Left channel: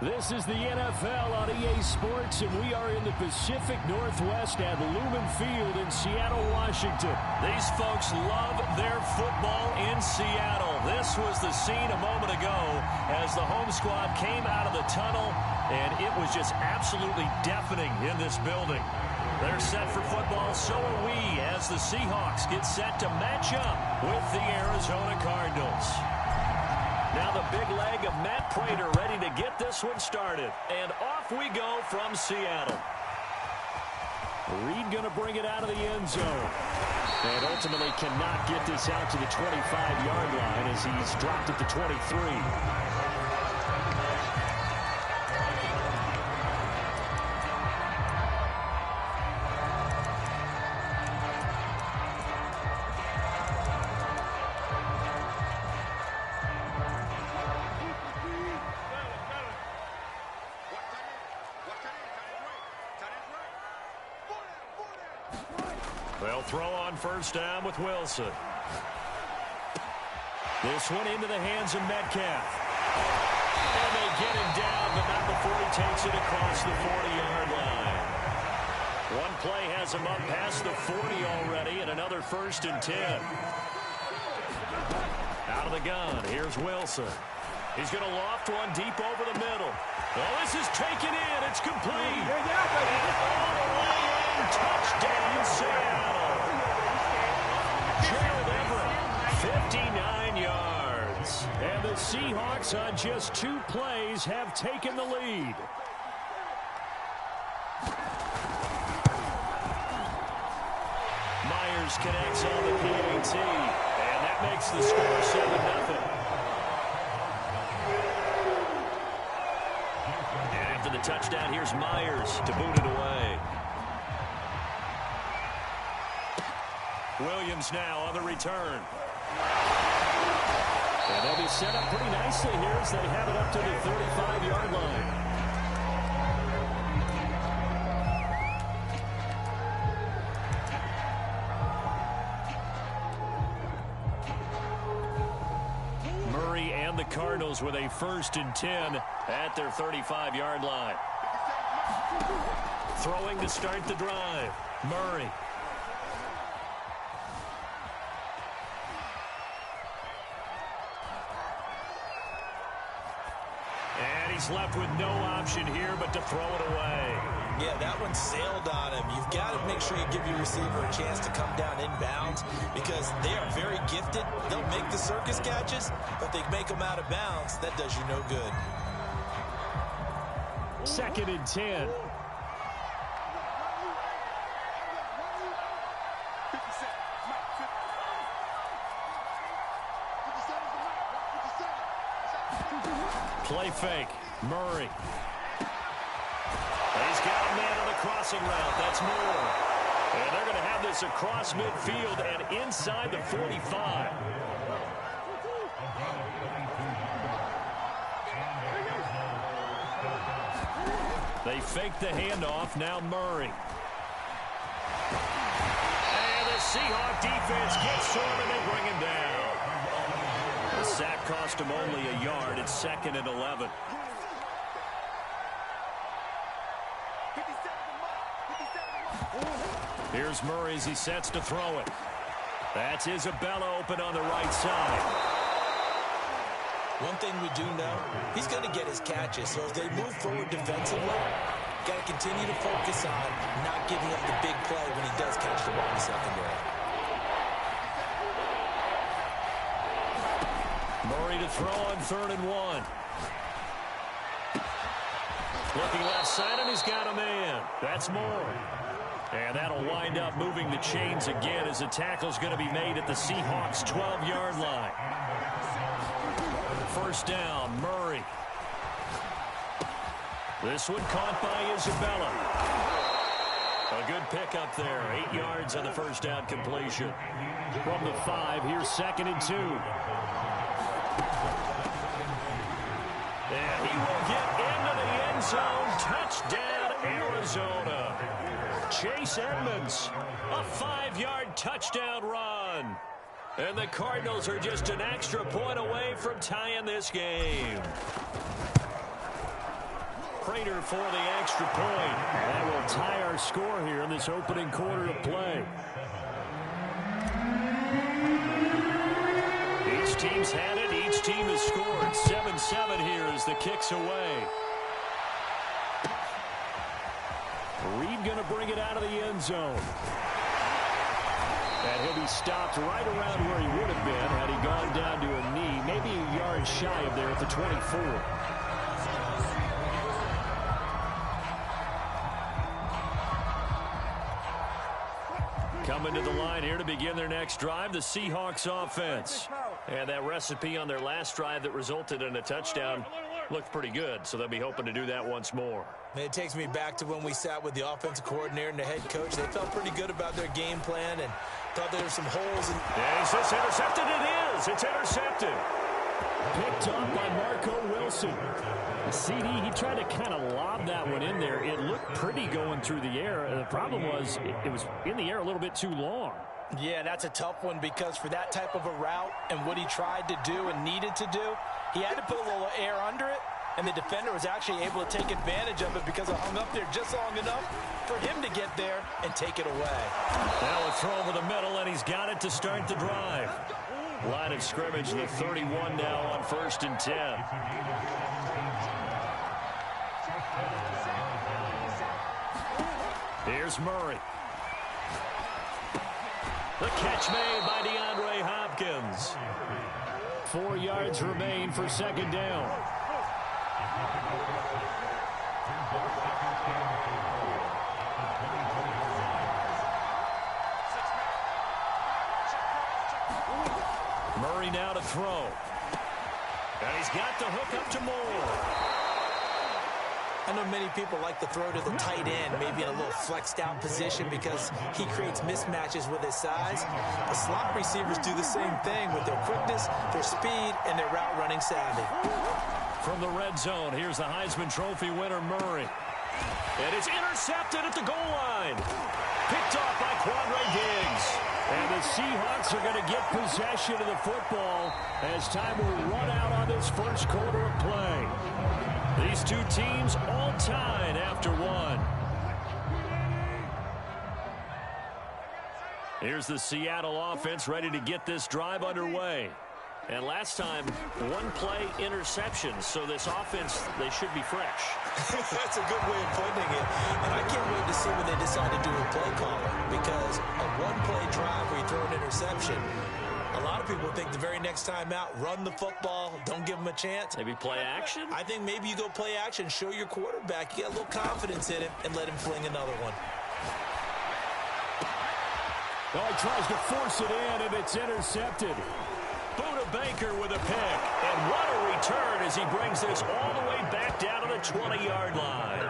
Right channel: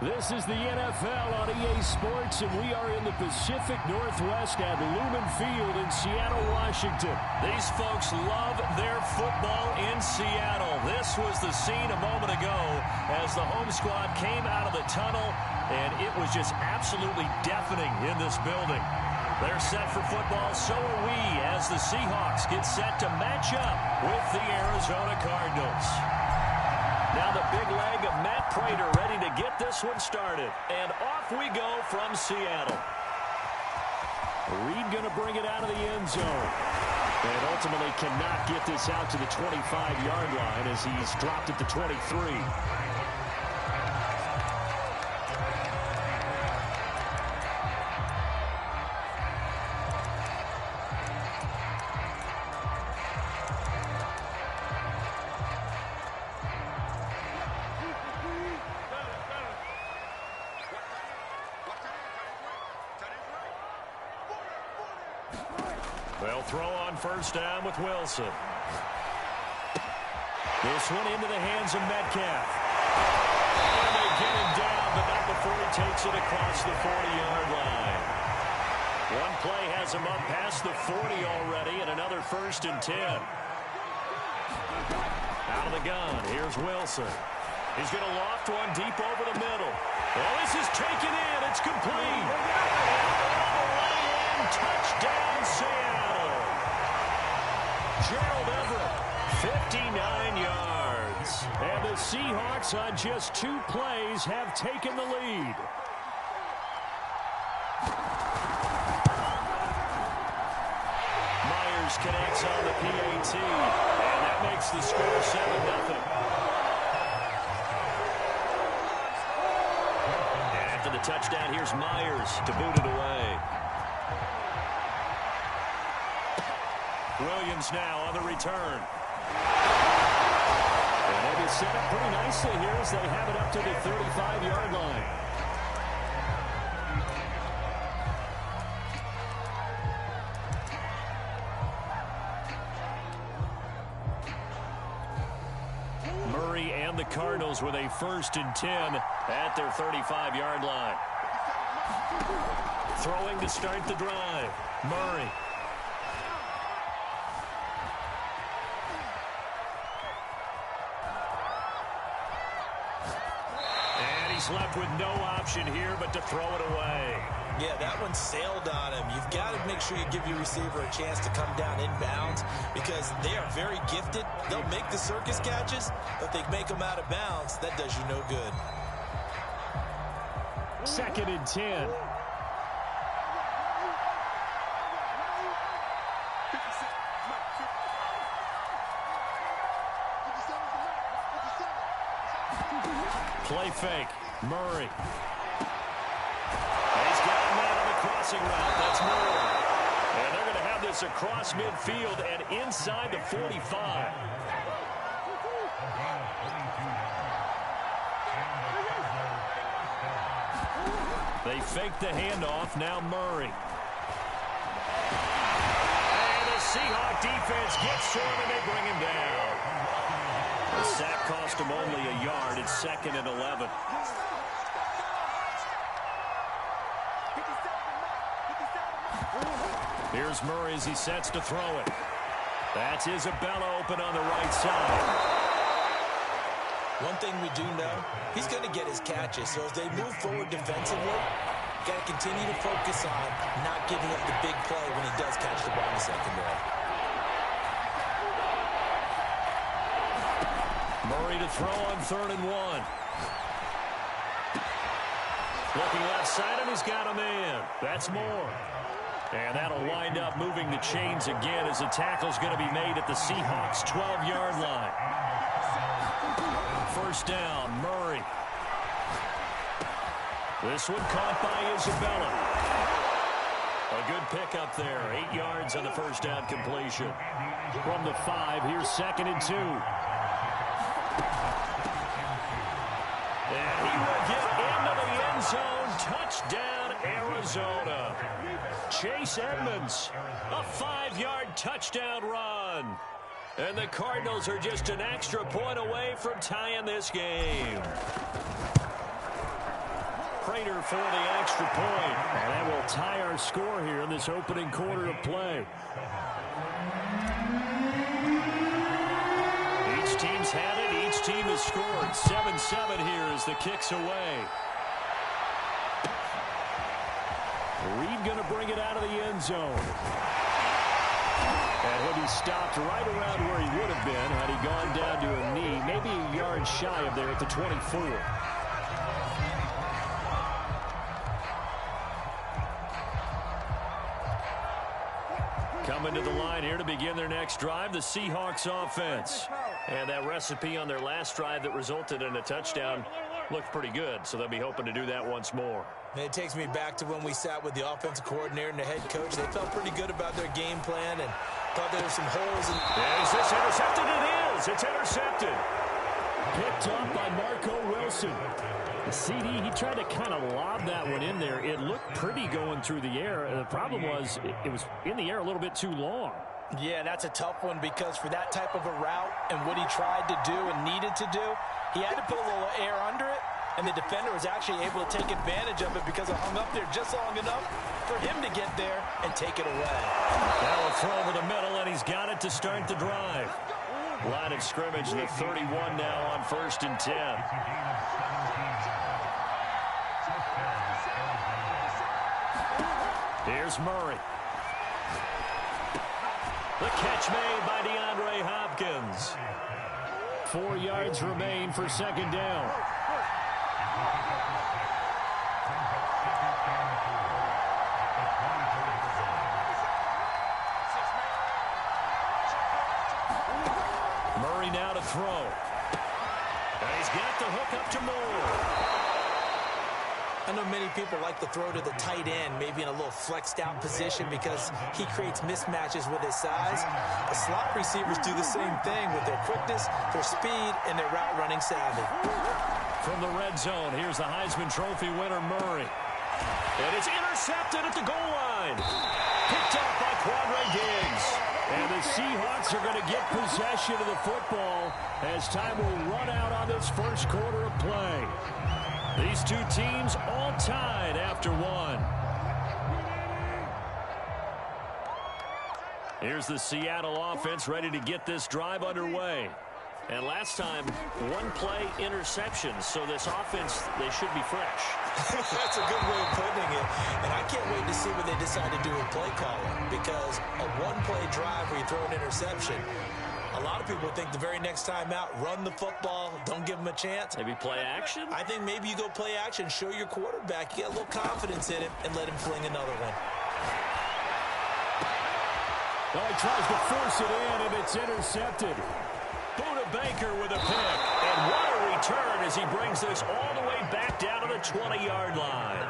This is the NFL on EA Sports, and we are in the Pacific Northwest at Lumen Field in Seattle, Washington. These folks love their football in Seattle. This was the scene a moment ago as the home squad came out of the tunnel, and it was just absolutely deafening in this building. They're set for football, so are we, as the Seahawks get set to match up with the Arizona Cardinals. Now the big leg of Matt Prater ready to get this one started. And off we go from Seattle. Reed going to bring it out of the end zone. And ultimately cannot get this out to the 25-yard line as he's dropped at the 23. They'll throw on first down with Wilson. This one into the hands of Metcalf. And they get him down, but not before he takes it across the 40-yard line. One play has him up past the 40 already, and another 1st and 10. Out of the gun, here's Wilson. He's going to loft one deep over the middle. Well, this is taken in. It's complete. And all the way in. Touchdown, Seattle. Gerald Everett, 59 yards. And the Seahawks on just 2 plays have taken the lead. Myers connects on the PAT. And that makes the score 7-0. And after the touchdown, here's Myers to boot it away. Williams now on the return. And they'll be set up pretty nicely here as they have it up to the 35-yard line. Murray and the Cardinals with a 1st and 10 at their 35-yard line. Throwing to start the drive. Murray. He's left with no option here but to throw it away. Yeah, that one sailed on him. You've got to make sure you give your receiver a chance to come down inbounds because they are very gifted. They'll make the circus catches, but they make them out of bounds. That does you no good. 2nd and 10. Play fake. Murray. He's got a man on the crossing route. That's Moore. And they're going to have this across midfield and inside the 45. They fake the handoff. Now Murray. And the Seahawk defense gets to him and they bring him down. The sack cost him only a yard. It's 2nd and 11. Here's Murray as he sets to throw it. That's Isabella open on the right side. One thing we do know, he's going to get his catches. So as they move forward defensively, got to continue to focus on not giving up the big play when he does catch the ball in the secondary. Murray to throw on 3rd and 1. Looking left side, and he's got a man. That's Moore. And that'll wind up moving the chains again as the tackle's going to be made at the Seahawks' 12-yard line. 1st down, Murray. This one caught by Isabella. A good pickup there. 8 yards on the 1st down completion. From the 5, here's 2nd and 2. And he will get into the end zone. Touchdown, Arizona. Chase Edmonds, a 5-yard touchdown run. And the Cardinals are just an extra point away from tying this game. Prater for the extra point. And that will tie our score here in this opening quarter of play. Each team's had it. Each team has scored. 7-7 here as the kick's away. Reed going to bring it out of the end zone. And he'll be stopped right around where he would have been had he gone down to a knee, maybe a yard shy of there at the 24. Coming to the line here to begin their next drive, the Seahawks offense. And that recipe on their last drive that resulted in a touchdown looked pretty good, so they'll be hoping to do that once more. It takes me back to when we sat with the offensive coordinator and the head coach. They felt pretty good about their game plan and thought there were some holes. Is this intercepted? It is. It's intercepted. Picked up by Marco Wilson. The CD, he tried to kind of lob that one in there. It looked pretty going through the air. The problem was it was in the air a little bit too long. Yeah, that's a tough one because for that type of a route and what he tried to do and needed to do, he had to put a little air under it, and the defender was actually able to take advantage of it because it hung up there just long enough for him to get there and take it away. Now a throw over the middle, and he's got it to start the drive. Line of scrimmage, the 31 now on 1st and 10. Here's Murray. The catch made by DeAndre Hopkins. 4 yards remain for second down. Murray now to throw. And he's got the hook up to Moore. I know many people like to throw to the tight end, maybe in a little flexed out position because he creates mismatches with his size. The slot receivers do the same thing with their quickness, their speed, and their route running savvy. From the red zone, here's the Heisman Trophy winner, Murray. And it's intercepted at the goal line. Picked off by Quandre Diggs. And the Seahawks are going to get possession of the football as time will run out on this first quarter of play. These two teams all tied after one. Here's the Seattle offense ready to get this drive underway. And last time, one play interception, so this offense, they should be fresh. That's a good way of putting it. And I can't wait to see what they decide to do with play calling, because a one-play drive where you throw an interception, a lot of people think the very next time out, run the football, don't give them a chance. Maybe play action? I think maybe you go play action, show your quarterback, you get a little confidence in him, and let him fling another one. Oh, he tries to force it in, and it's intercepted. Buda Baker with a pick. And what a return as he brings this all the way back down to the 20-yard line.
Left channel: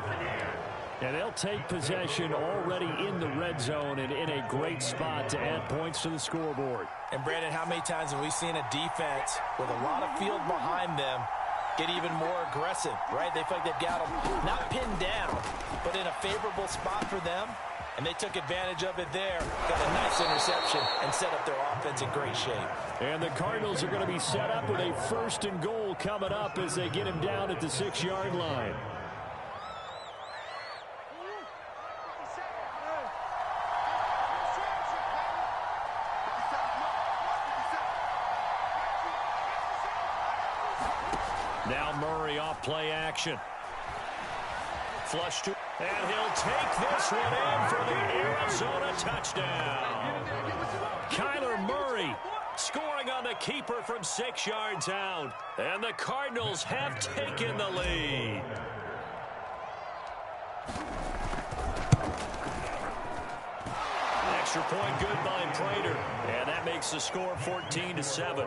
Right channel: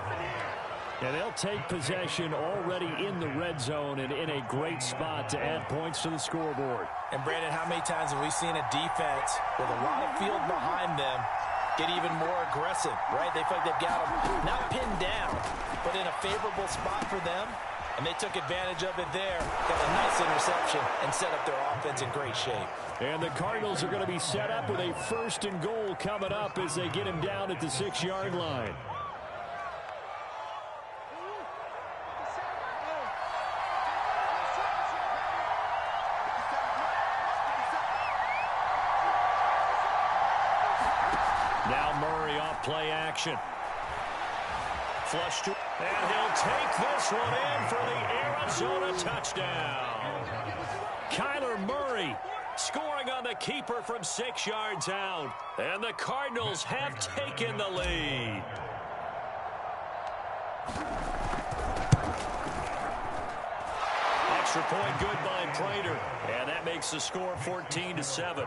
And they'll take possession already in the red zone and in a great spot to add points to the scoreboard. And, Brandon, how many times have we seen a defense with a lot of field behind them get even more aggressive, right? They feel like they've got them not pinned down, but in a favorable spot for them. And they took advantage of it there, got a nice interception, and set up their offense in great shape. And the Cardinals are going to be set up with a 1st and goal coming up as they get him down at the 6-yard line. Now Murray off play action. Flush to, and he'll take this one in for the Arizona touchdown. Kyler Murray scoring on the keeper from 6 yards out. And the Cardinals have taken the lead. Extra point good by Prater. And that makes the score 14-7.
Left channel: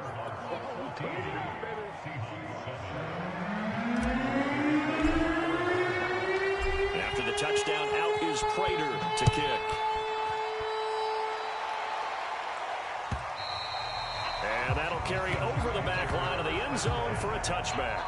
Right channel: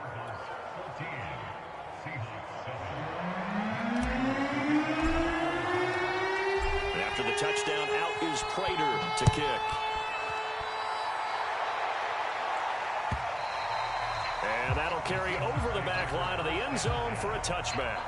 After the touchdown, out is Prater to kick. And that'll carry over the back line of the end zone for a touchback.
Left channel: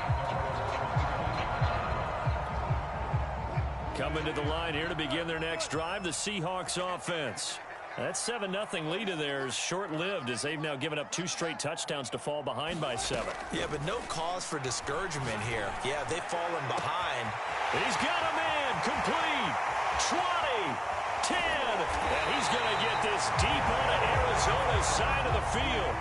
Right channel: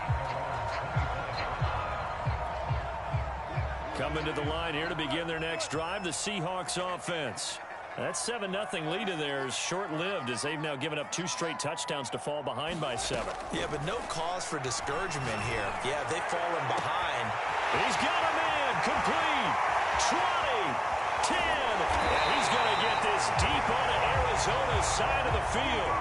Coming to the line here to begin their next drive, the Seahawks offense. That 7-0 lead of theirs short-lived as they've now given up 2 straight touchdowns to fall behind by 7. Yeah, but no cause for discouragement here. Yeah, they've fallen behind. He's got a man complete. 20, 10, and he's going to get this deep onto Arizona's side of the field.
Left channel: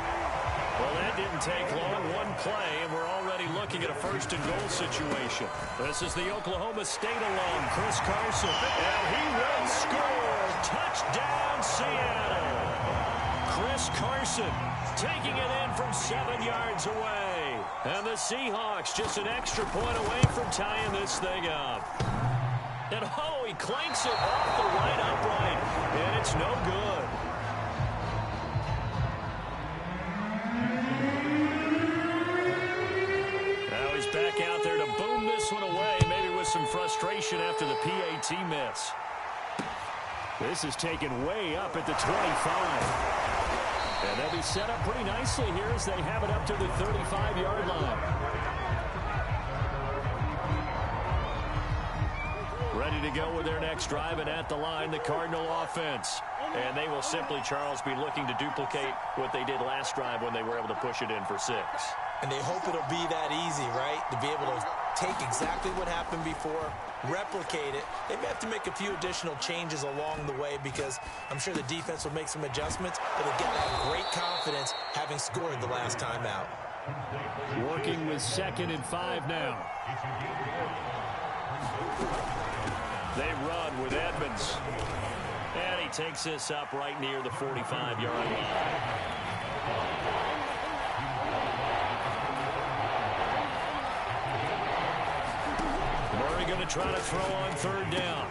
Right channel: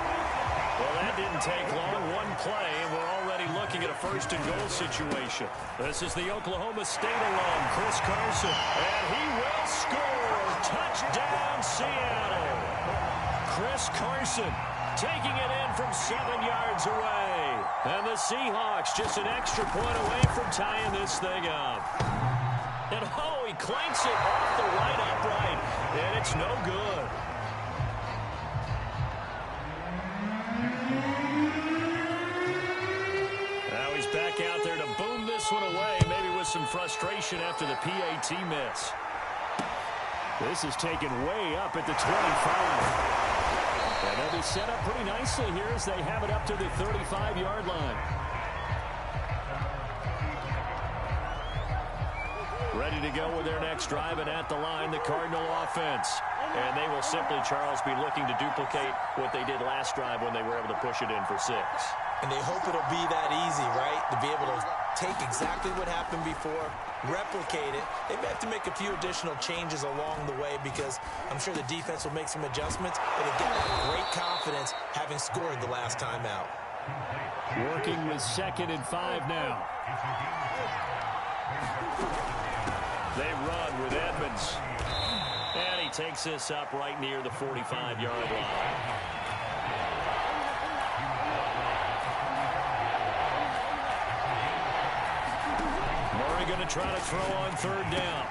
Well, that didn't take long. One play, and we're already looking at a first-and-goal situation. This is the Oklahoma State alum, Chris Carson, and he will score. Touchdown, Seattle. Chris Carson taking it in from 7 yards away. And the Seahawks just an extra point away from tying this thing up. And, oh, he clanks it off the right upright, and it's no good. Now he's back out there to boom this one away, maybe with some frustration after the PAT miss. This is taken way up at the 25. And they'll be set up pretty nicely here as they have it up to the 35-yard line. Ready to go with their next drive, and at the line, the Cardinal offense. And they will simply, Charles, be looking to duplicate what they did last drive when they were able to push it in for 6. And they hope it'll be that easy, right? To be able to take exactly what happened before, replicate it. They may have to make a few additional changes along the way because I'm sure the defense will make some adjustments, but they've got to have great confidence having scored the last time out. Working with 2nd and 5 now. They run with Edmonds. And he takes this up right near the 45-yard line. Murray going to try to throw on 3rd down.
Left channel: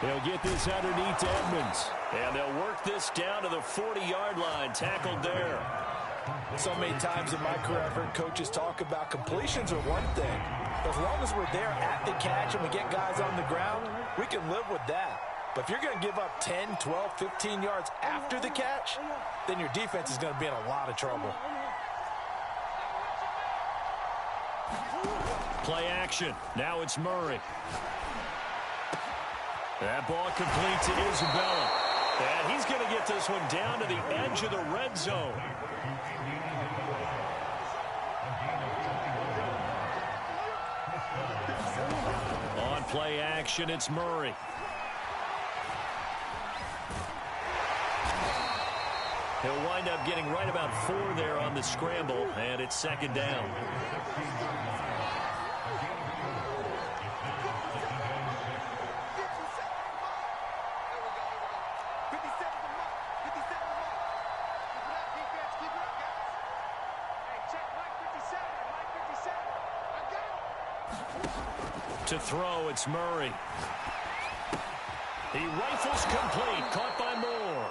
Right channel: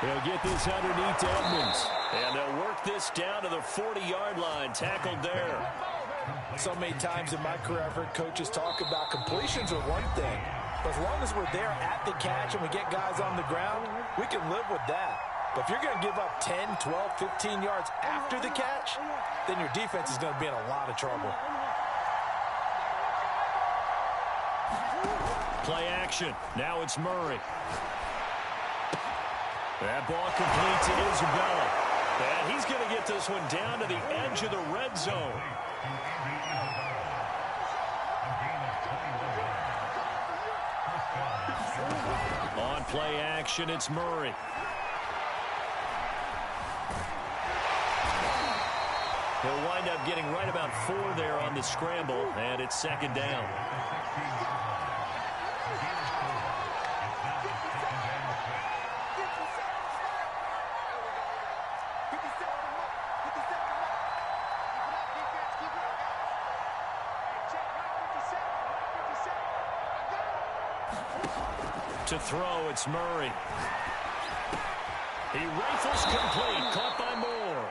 He'll get this underneath to Edmonds. And they'll work this down to the 40-yard line, tackled there. So many times in my career I've heard coaches talk about completions are one thing. But as long as we're there at the catch and we get guys on the ground, we can live with that. But if you're going to give up 10, 12, 15 yards after the catch, then your defense is going to be in a lot of trouble. Play action. Now it's Murray. That ball complete to Isabella. And he's going to get this one down to the edge of the red zone. On play action, it's Murray. He'll wind up getting right about 4 there on the scramble, and it's 2nd down. To throw, it's Murray. He rifles complete, caught by Moore.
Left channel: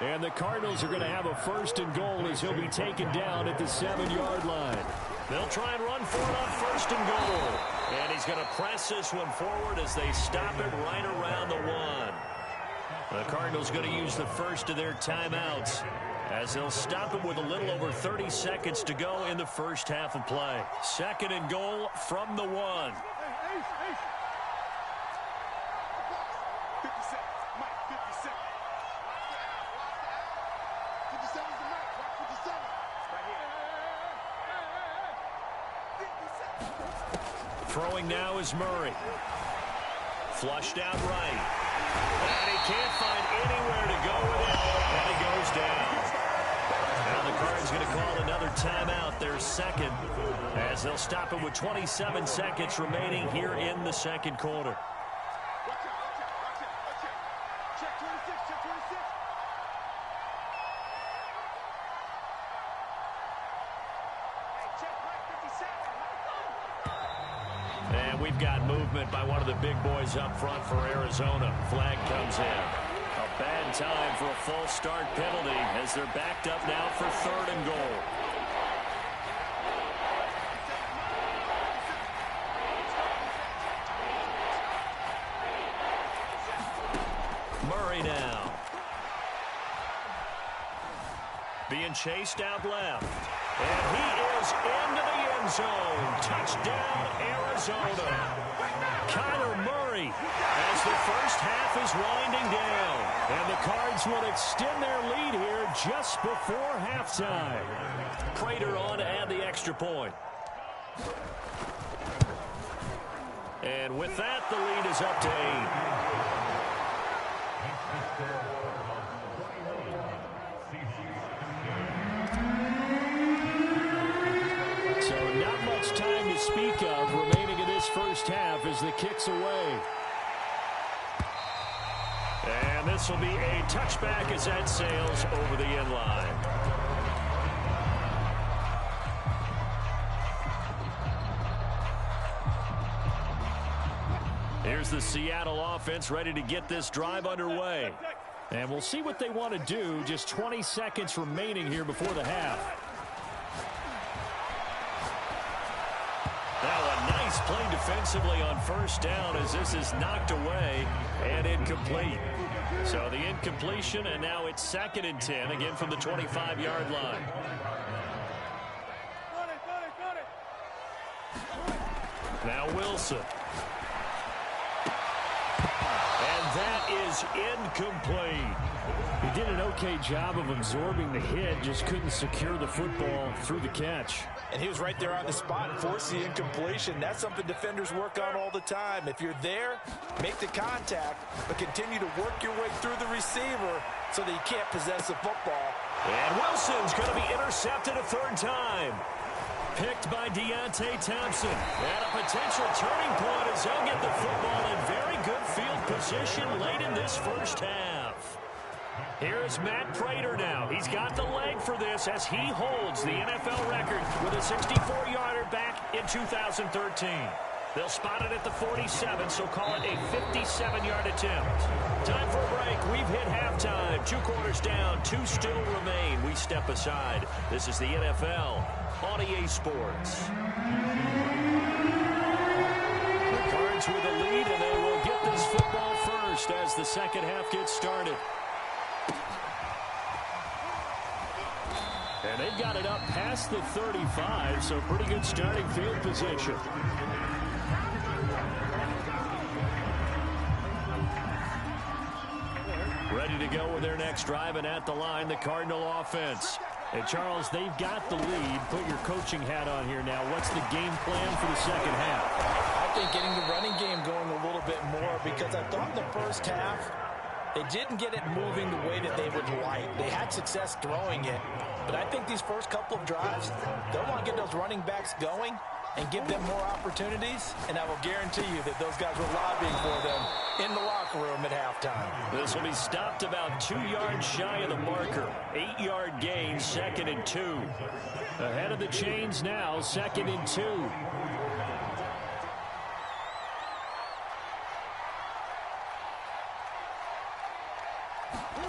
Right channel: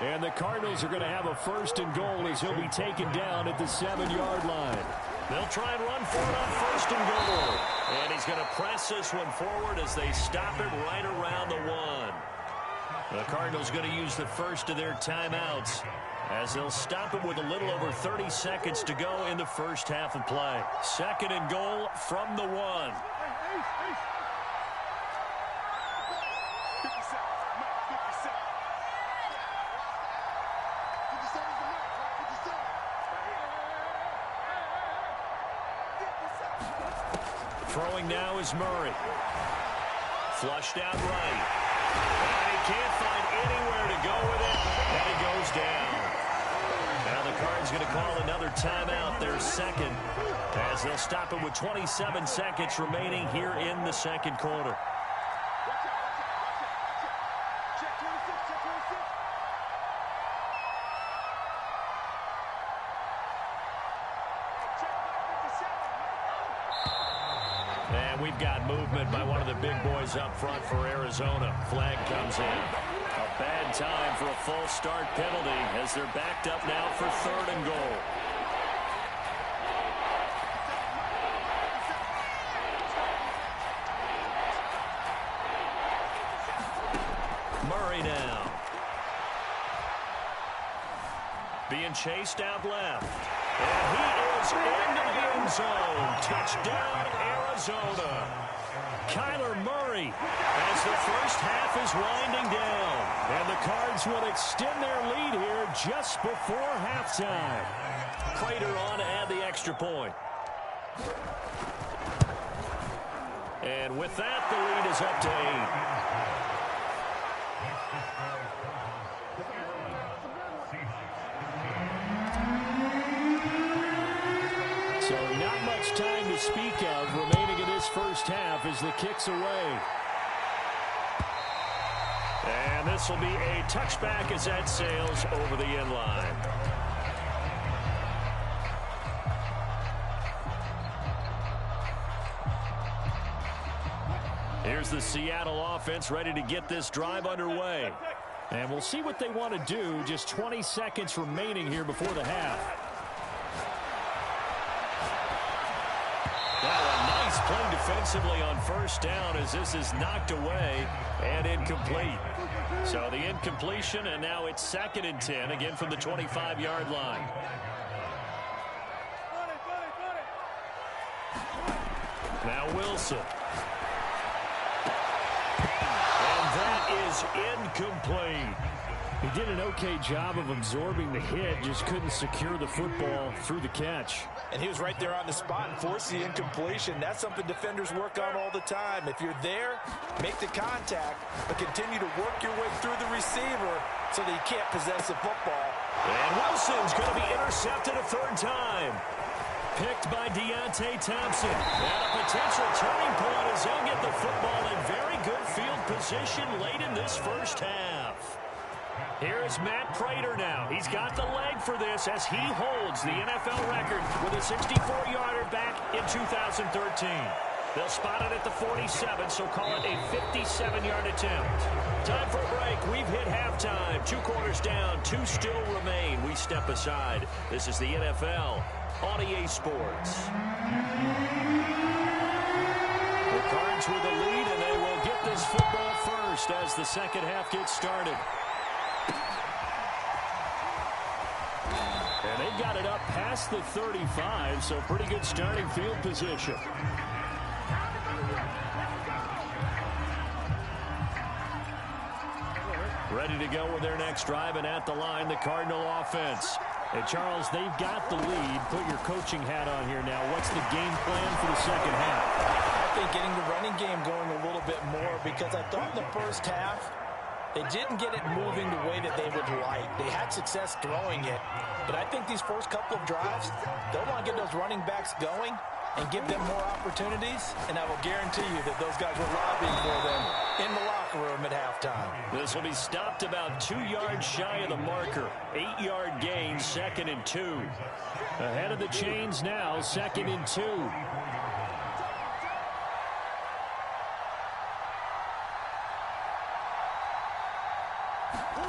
And the Cardinals are going to have a 1st and goal as he'll be taken down at the 7-yard line. They'll try and run for it on 1st and goal. And he's going to press this one forward as they stop him right around the 1. The Cardinals going to use the first of their timeouts as they'll stop him with a little over 30 seconds to go in the first half of play. 2nd and goal from the 1. Throwing now is Murray. Flushed out right. And he can't find anywhere to go with it. And he goes down. Now the Cards going to call another timeout, their 2nd, as they'll stop it with 27 seconds remaining here in the 2nd quarter. And we've got movement by one of the big boys up front for Arizona. Flag comes in. A bad time for a false start penalty as they're backed up now for 3rd and goal. Murray now. Being chased out left. And he is into the end zone. Touchdown, Arizona. Kyler Murray Murray as the first half is winding down. And the Cards will extend their lead here just before halftime. Prater on to add the extra point. And with that, the lead is up to 8. So not much time to speak of remaining in this first half as the kick's away. And this will be a touchback as that sails over the end line. Here's the Seattle offense ready to get this drive underway. And we'll see what they want to do. Just 20 seconds remaining here before the half. Now a nice play defensively on first down as this is knocked away and incomplete. So the incompletion, and now it's 2nd and 10, again from the 25-yard line. Now Wilson. And that is incomplete. He did an okay job of absorbing the hit, just couldn't secure the football through the catch. And he was right there on the spot and forced the incompletion. That's something defenders work on all the time. If you're there, make the contact, but continue to work your way through the receiver so that you can't possess the football. And Wilson's going to be intercepted a 3rd time. Picked by Deontay Thompson. And a potential turning point as they'll get the football in very good field position late in this first half. Here is Matt Prater now. He's got the leg for this as he holds the NFL record with a 64-yarder back in 2013. They'll spot it at the 47, so call it a 57-yard attempt. Time for a break. We've hit halftime. 2 quarters down, 2 still remain. We step aside. This is the NFL on EA Sports. The Cards with the lead, and they will get this football first as the second half gets started. And they've got it up past the 35, so pretty good starting field position. Ready to go with their next drive, and at the line, the Cardinal offense. And Charles, they've got the lead. Put your coaching hat on here now. What's the game plan for the second half? I think getting the running game going a little bit more, because I thought in the first half they didn't get it moving the way that they would like. They had success throwing it, but I think these first couple of drives, they'll want to get those running backs going and give them more opportunities, and I will guarantee you that those guys were lobbying for them in the locker room at halftime. This will be stopped about 2 yards shy of the marker. 8-yard gain, 2nd and 2. Ahead of the chains now, 2nd and 2.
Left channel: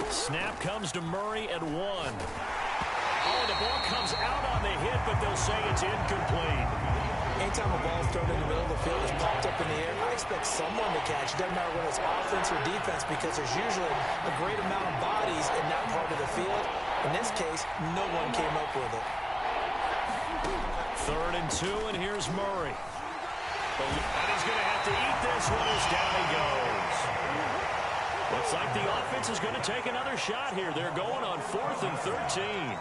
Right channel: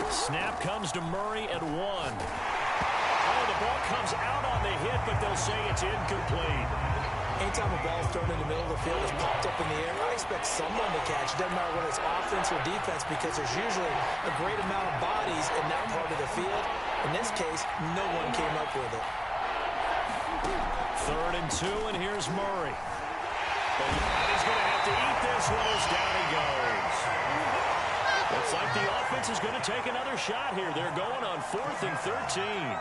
Snap comes to Murray at 1. Oh, the ball comes out on the hit, but they'll say it's incomplete. Anytime a ball's thrown in the middle of the field, it's popped up in the air, I expect someone to catch. It doesn't matter whether it's offense or defense, because there's usually a great amount of bodies in that part of the field. In this case, no one came up with it. 3rd and 2, and here's Murray. And he's going to have to eat this one as down he goes. Looks like the offense is going to take another shot here. They're going on 4th and 13.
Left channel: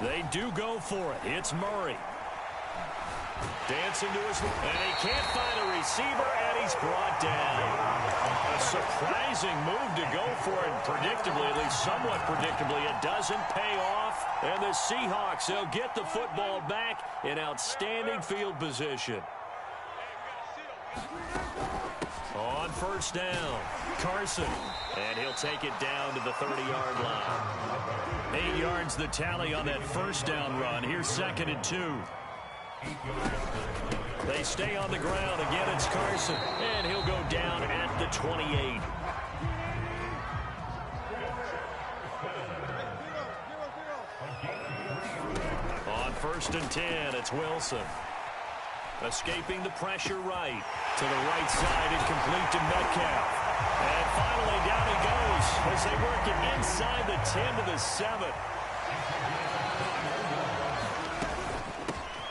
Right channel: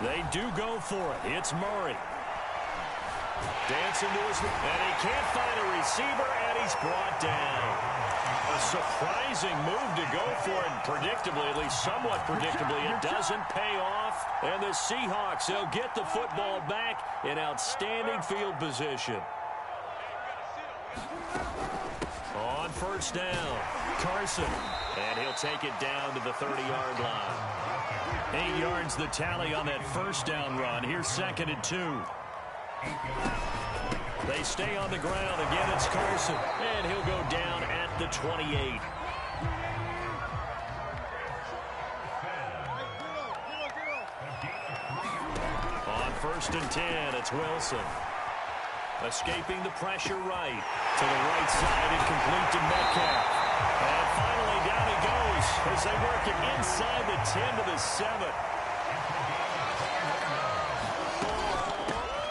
They do go for it. It's Murray. Dancing to his, and he can't find a receiver, and he's brought down. A surprising move to go for it, and predictably, at least somewhat predictably, it doesn't pay off. And the Seahawks, they'll get the football back in outstanding field position. On first down, Carson, and he'll take it down to the 30-yard line. 8 yards the tally on that first down run. Here's 2nd and 2. They stay on the ground. Again, it's Carson, and he'll go down at the 28. On 1st and 10, it's Wilson. Escaping the pressure right. To the right side and complete to Metcalf. And finally, down he goes as they work it inside the 10 to the 7.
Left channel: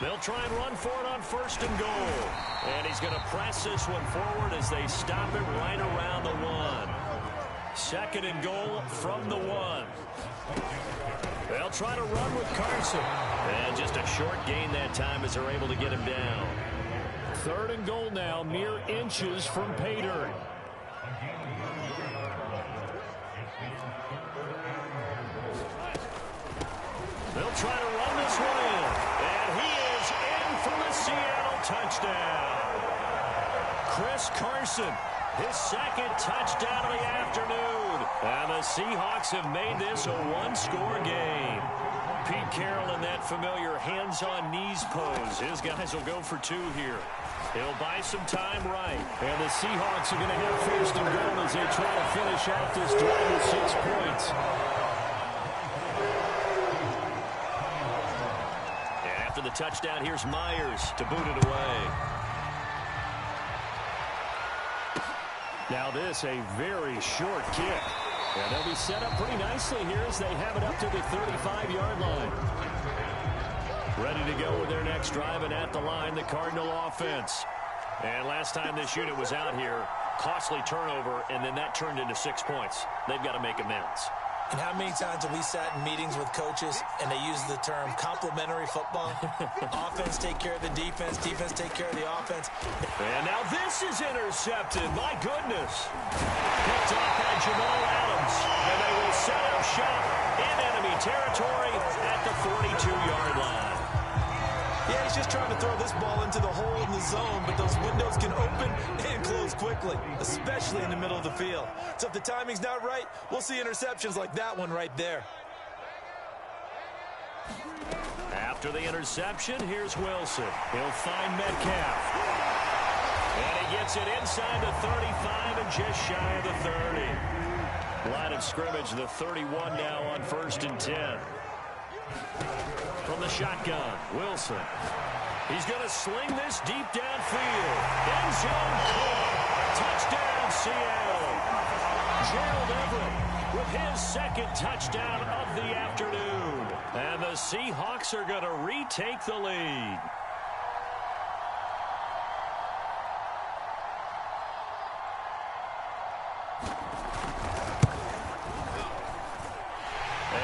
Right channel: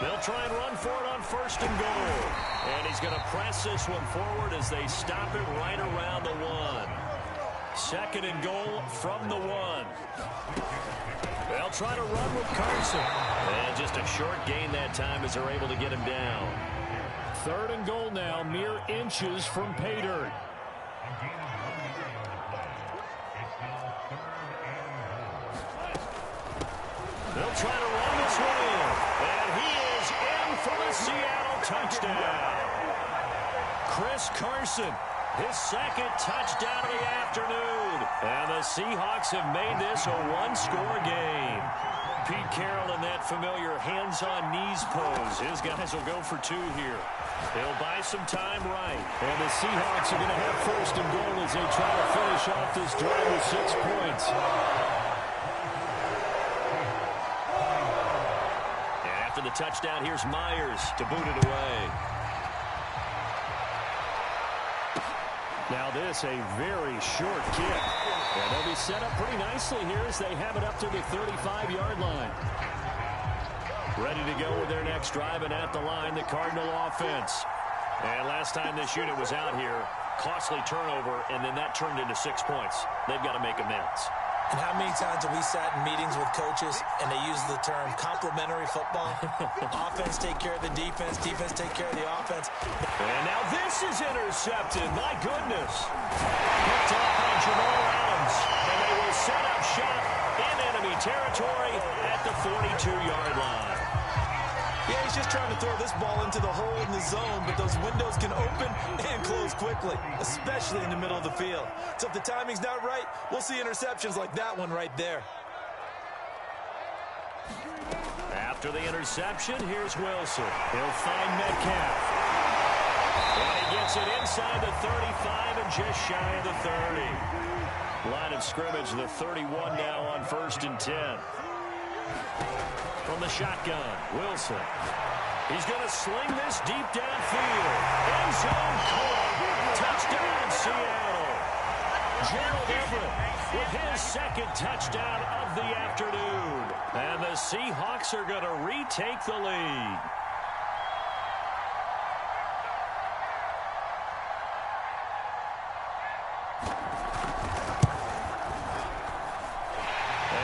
They'll try and run for it on 1st and goal. And he's going to press this one forward as they stop it right around the 1. 2nd and goal from the 1. They'll try to run with Carson. And just a short gain that time as they're able to get him down. 3rd and goal now, mere inches from pay dirt. They'll try to run this one in. And he is in for the Seattle touchdown. Chris Carson, his 2nd touchdown of the afternoon. And the Seahawks have made this a 1-score game. Pete Carroll in that familiar hands-on-knees pose. His guys will go for 2 here. He'll buy some time right. And the Seahawks are going to have 1st and goal as they try to finish off this drive with 6 points. And after the touchdown, here's Myers to boot it away. Now this, a very short kick. And they'll be set up pretty nicely here as they have it up to the 35-yard line. Ready to go with their next drive, and at the line, the Cardinal offense. And last time this unit was out here, costly turnover, and then that turned into 6 points. They've got to make amends. And how many times have we sat in meetings with coaches and they use the term complementary football? Offense take care of the defense, defense take care of the offense. And now this is intercepted. My goodness. Picked off by Jamal Adams. And they will set up shop in enemy territory at the 42-yard line. Yeah, he's just trying to throw this ball into the hole in the zone, but those windows can open and close quickly, especially in the middle of the field. So if the timing's not right, we'll see interceptions like that one right there. After the interception, here's Wilson. He'll find Metcalf. And he gets it inside the 35 and just shy of the 30. Line of scrimmage, the 31 now on 1st and 10. From the shotgun, Wilson. He's going to sling this deep downfield. End zone caught. Touchdown, Seattle. Gerald Everett with his 2nd touchdown of the afternoon. And the Seahawks are going to retake the lead.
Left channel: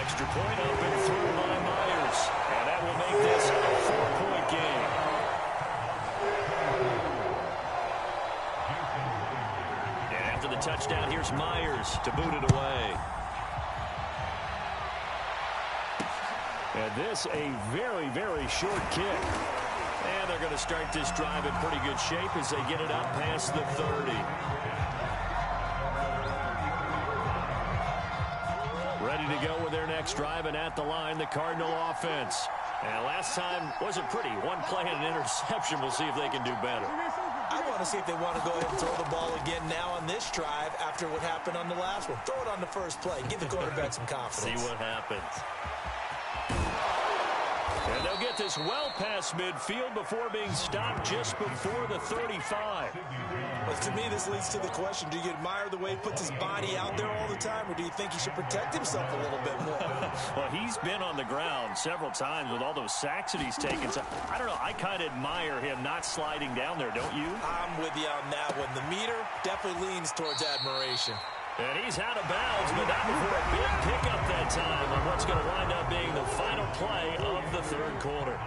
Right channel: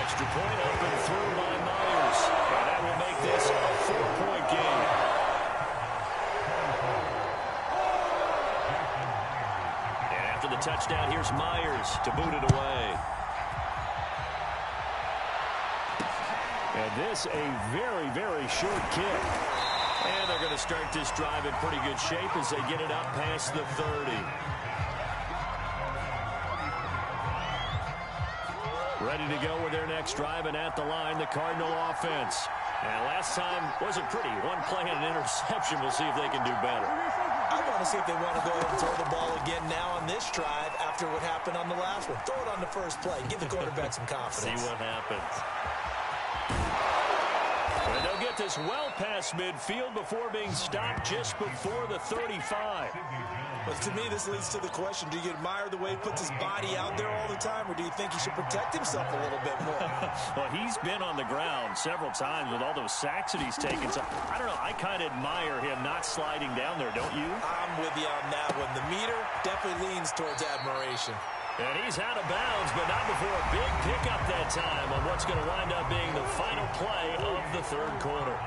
Extra point up and through by Myers. And that will make this a 4-point game. And after the touchdown, here's Myers to boot it away. And this a very, very short kick. And they're going to start this drive in pretty good shape as they get it up past the 30. Ready to go with their next drive, and at the line, the Cardinal offense. And last time wasn't pretty. One play and an interception. We'll see if they can do better. I want to see if they want to go ahead and throw the ball again now on this drive after what happened on the last one. Throw it on the first play. Give the quarterback some confidence. See what happens. And they'll get this well past midfield before being stopped just before the 35. But to me, this leads to the question, do you admire the way he puts his body out there all the time, or do you think he should protect himself a little bit more? Well, he's been on the ground several times with all those sacks that he's taken. So, I don't know, I kind of admire him not sliding down there, don't you? I'm with you on that one. The meter definitely leans towards admiration. And he's out of bounds, but not before a big pickup that time on what's going to wind up being the final play of the 3rd quarter.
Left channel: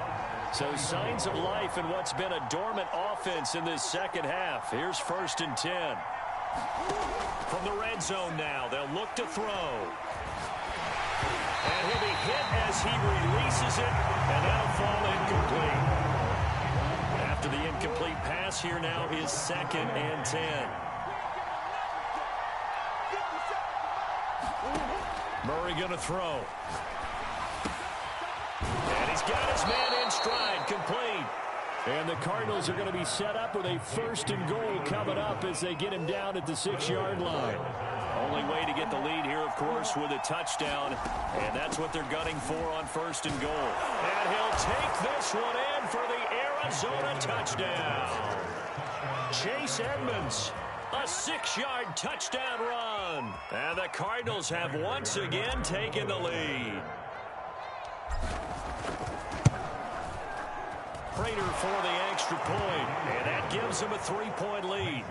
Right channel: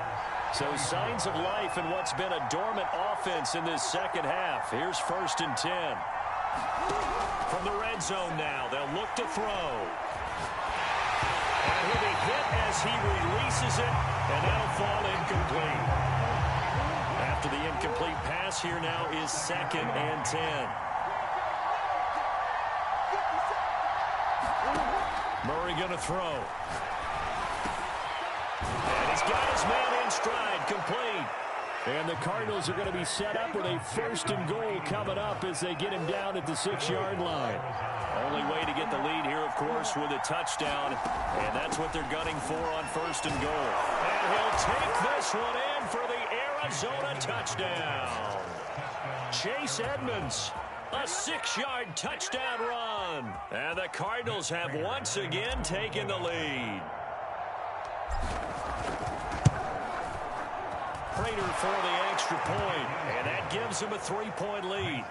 So signs of life in what's been a dormant offense in this 2nd half. Here's 1st and 10. From the red zone now, they'll look to throw. And he'll be hit as he releases it, and that'll fall incomplete. After the incomplete pass, here now is 2nd and 10. Murray going to throw. And he's got his man in stride, complete. And the Cardinals are going to be set up with a 1st and goal coming up as they get him down at the 6-yard line. Only way to get the lead here, of course, with a touchdown. And that's what they're gunning for on 1st and goal. And he'll take this one in for the Arizona touchdown. Chase Edmonds A 6-yard touchdown run. And the Cardinals have once again taken the lead. Prater for the extra point, and that gives him a 3-point lead.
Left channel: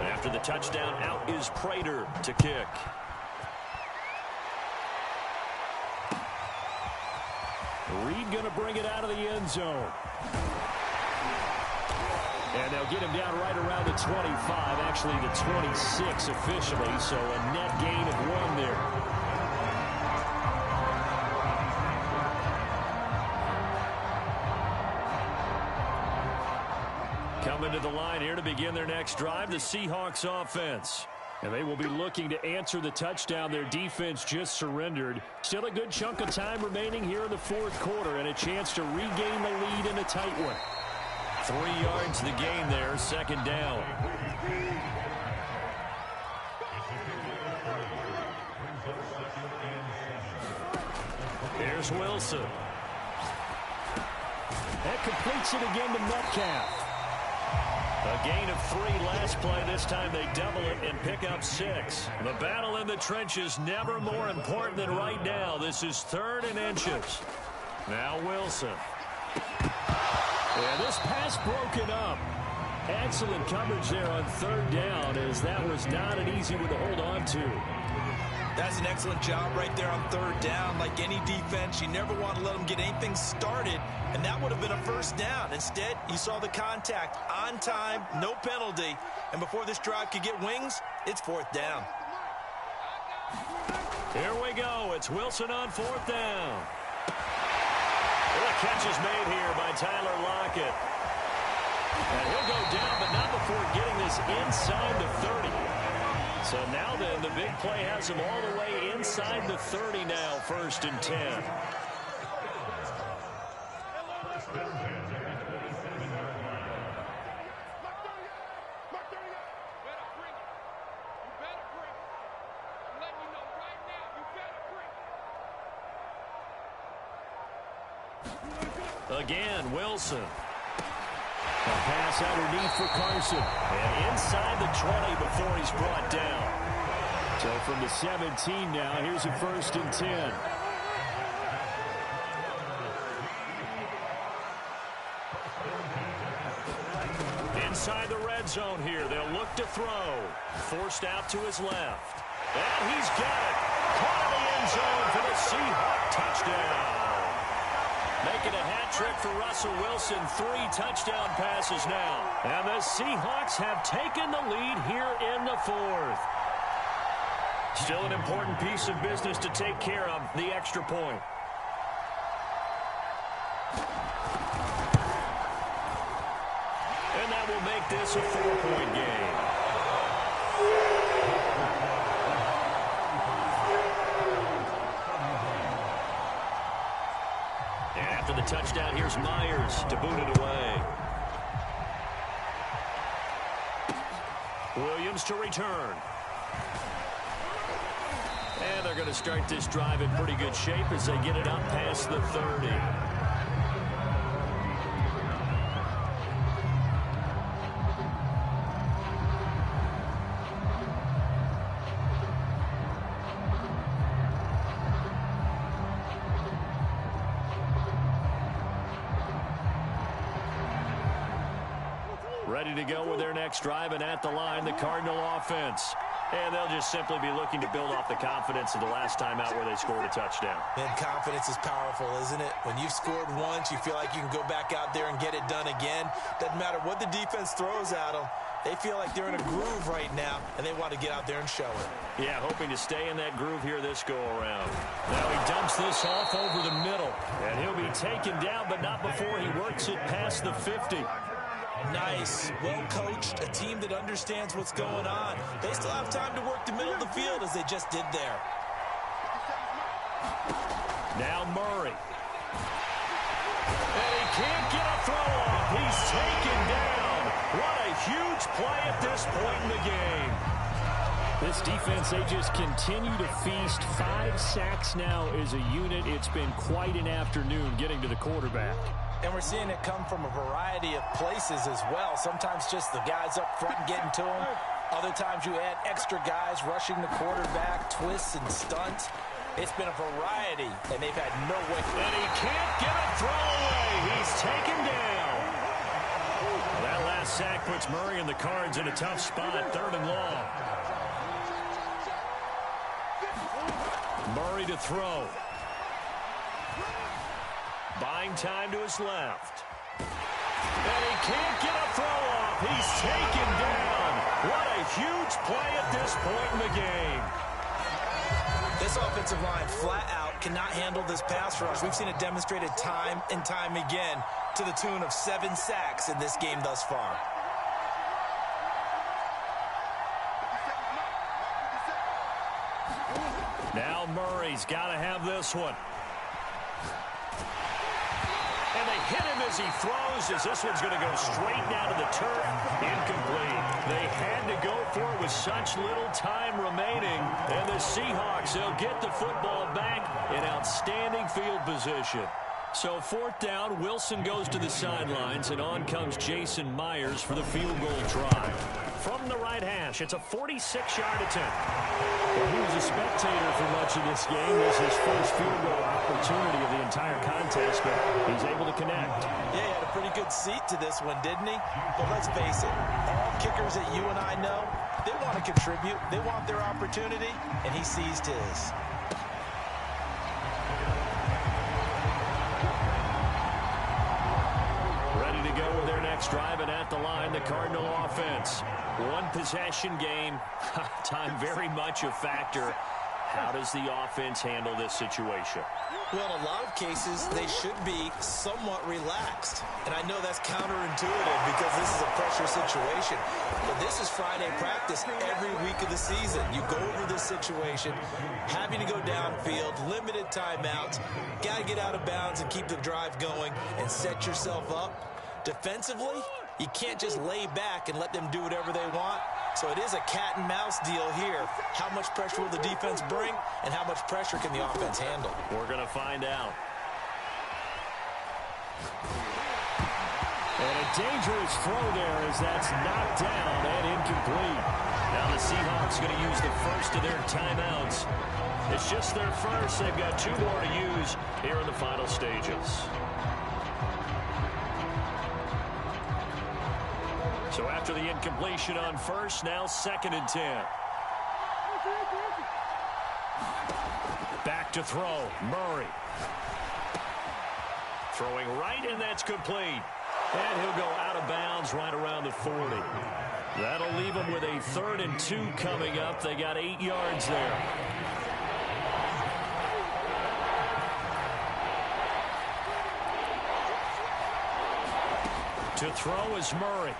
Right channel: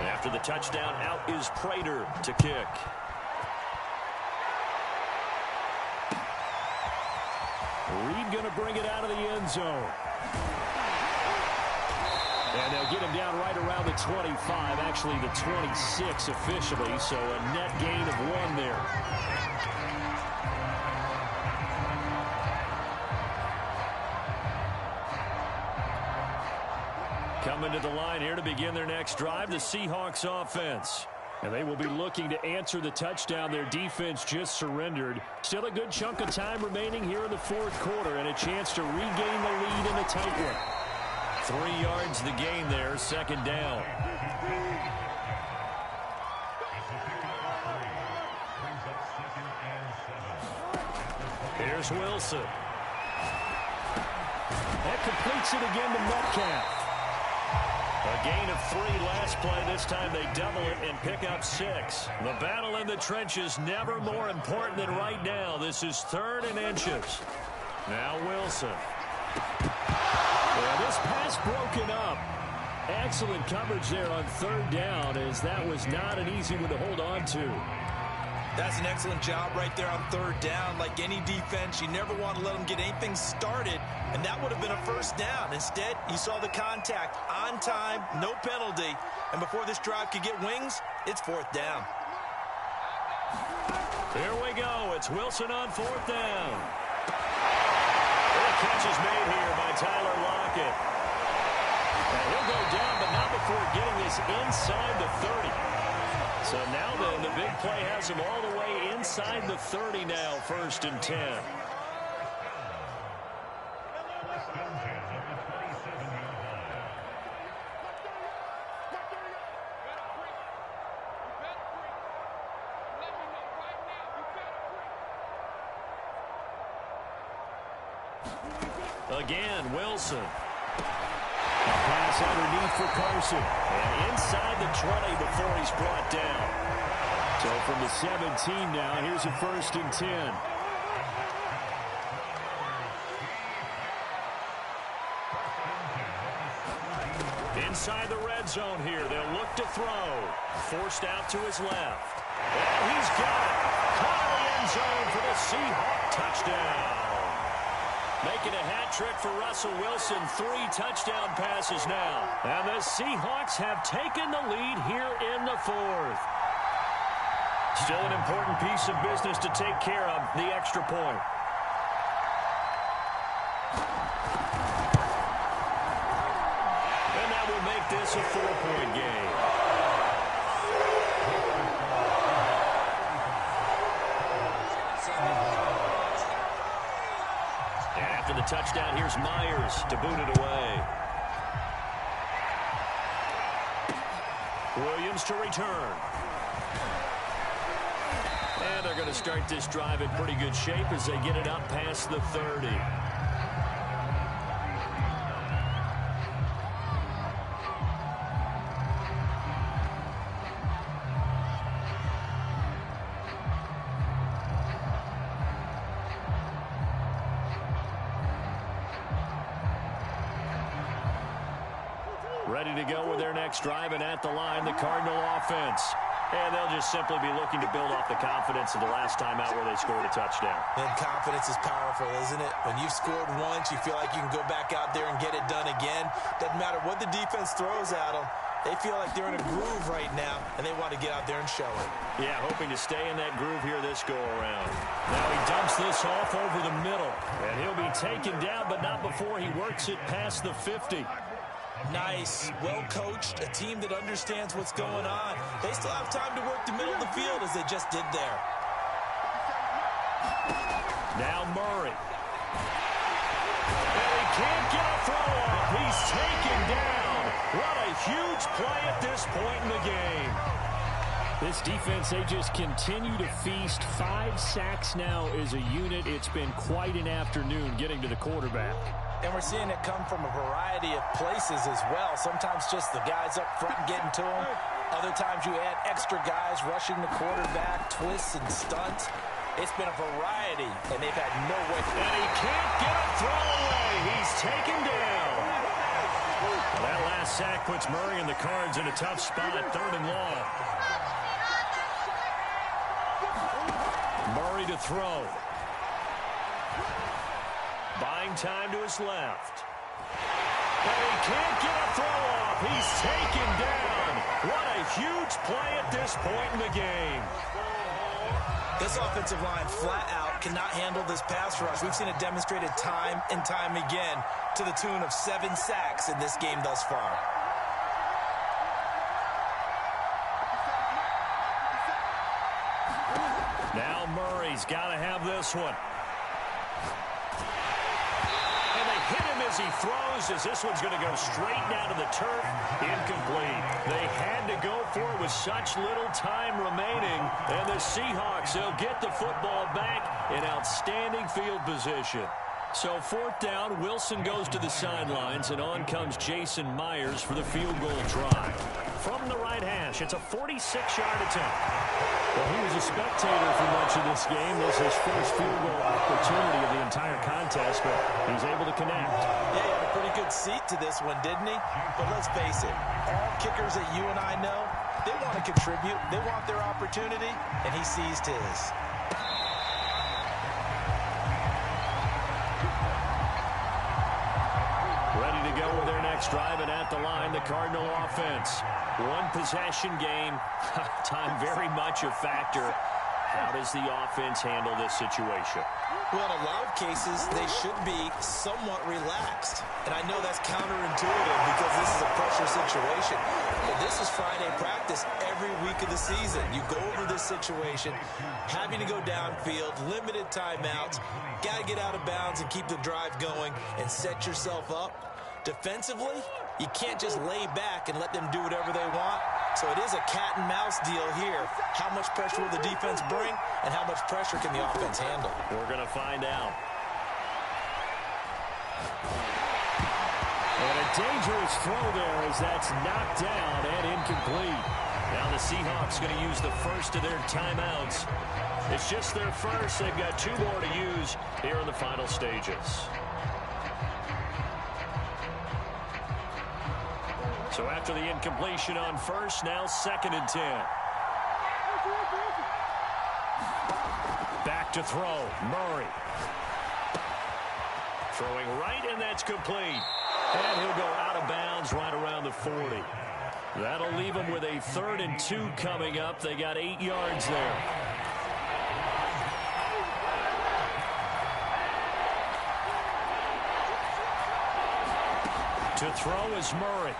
After the touchdown, out is Prater to kick. Reed going to bring it out of the end zone. And they'll get him down right around the 25, actually the 26 officially, so a net gain of 1 there. Coming to the line here to begin their next drive, the Seahawks offense. And they will be looking to answer the touchdown their defense just surrendered. Still a good chunk of time remaining here in the fourth quarter and a chance to regain the lead in a tight one. 3 yards the gain there, 2nd down. Here's Wilson. That completes it again to Metcalf. A gain of 3 last play. This time they double it and pick up 6. The battle in the trenches never more important than right now. This is 3rd and inches. Now Wilson. Yeah, this pass broken up. Excellent coverage there on 3rd down, as that was not an easy one to hold on to. That's an excellent job right there on 3rd down. Like any defense, you never want to let them get anything started, and that would have been a 1st down. Instead, you saw the contact on time, no penalty, and before this drive could get wings, it's 4th down. Here we go. It's Wilson on 4th down. Well, the catch is made here by Tyler Lockett. And he'll go down, but not before getting this inside the 30. So now then, the big play has him all the way inside the 30 now, 1st and 10. Again, Wilson. A pass underneath for Carson. And inside the 20 before he's brought down. So from the 17 now, here's a 1st and 10. Inside the red zone here. They'll look to throw. Forced out to his left. And he's got it. Caught in the end zone for the Seahawk touchdown. Making a hat trick for Russell Wilson. 3 touchdown passes now. And the Seahawks have taken the lead here in the 4th. Still an important piece of business to take care of, the extra point. And that will make this a 4-point game. And after the touchdown, here's Myers to boot it away. Williams to return. And they're going to start this drive in pretty good shape as they get it up past the 30. Ready to go with their next drive, and at the line, the Cardinal offense. And they'll just simply be looking to build off the confidence of the last time out where they scored a touchdown. And confidence is powerful, isn't it? When you've scored once, you feel like you can go back out there and get it done again. Doesn't matter what the defense throws at them. They feel like they're in a groove right now, and they want to get out there and show it. Yeah, hoping to stay in that groove here this go-around. Now he dumps this off over the middle. And he'll be taken down, but not before he works it past the 50. Nice, well-coached, a team that understands what's going on. They still have time to work the middle of the field as they just did there. Now Murray. And he can't get a throw off. He's taken down. What a huge play at this point in the game. This defense, they just continue to feast. 5 sacks now as a unit. It's been quite an afternoon getting to the quarterback. And we're seeing it come from a variety of places as well. Sometimes just the guys up front getting to him. Other times you add extra guys rushing the quarterback, twists and stunts. It's been a variety, and they've had no way. And he can't get a throw away. He's taken down. Well, that last sack puts Murray and the Cards in a tough spot, 3rd and long. Murray to throw. Buying time to his left. And he can't get a throw off. He's taken down. What a huge play at this point in the game. This offensive line flat out cannot handle this pass rush. We've seen it demonstrated time and time again to the tune of 7 sacks in this game thus far. Now Murray's got to have this one. And they hit him as he throws, as this one's going to go straight down to the turf. Incomplete. They had to go for it with such little time remaining. And the Seahawks, they'll get the football back in outstanding field position. So 4th down, Wilson goes to the sidelines, and on comes Jason Myers for the field goal try. From the right hash, it's a 46-yard attempt. Well, he was a spectator for much of this game. This is his first field goal opportunity of the entire contest, but he's able to connect. Yeah, he had a pretty good seat to this one, didn't he? But let's face it, all kickers that you and I know, they want to contribute. They want their opportunity, and he seized his. Ready to go with their next drive, and at the line, the Cardinal offense. One possession game. Time very much a factor. How does the offense handle this situation? Well, in a lot of cases, they should be somewhat relaxed. And I know that's counterintuitive because this is a pressure situation. But this is Friday practice every week of the season. You go over this situation, having to go downfield, limited timeouts, got to get out of bounds and keep the drive going and set yourself up. Defensively, you can't just lay back and let them do whatever they want. So it is a cat and mouse deal here. How much pressure will the defense bring, and how much pressure can the offense handle? We're going to find out. And a dangerous throw there as that's knocked down and incomplete. Now the Seahawks going to use the first of their timeouts. It's just their first. They've got 2 more to use here in the final stages. So after the incompletion on first, now 2nd and 10. Back to throw, Murray. Throwing right, and that's complete. And he'll go out of bounds right around the 40. That'll leave them with a 3rd and 2 coming up. They got 8 yards there. To throw is Murray.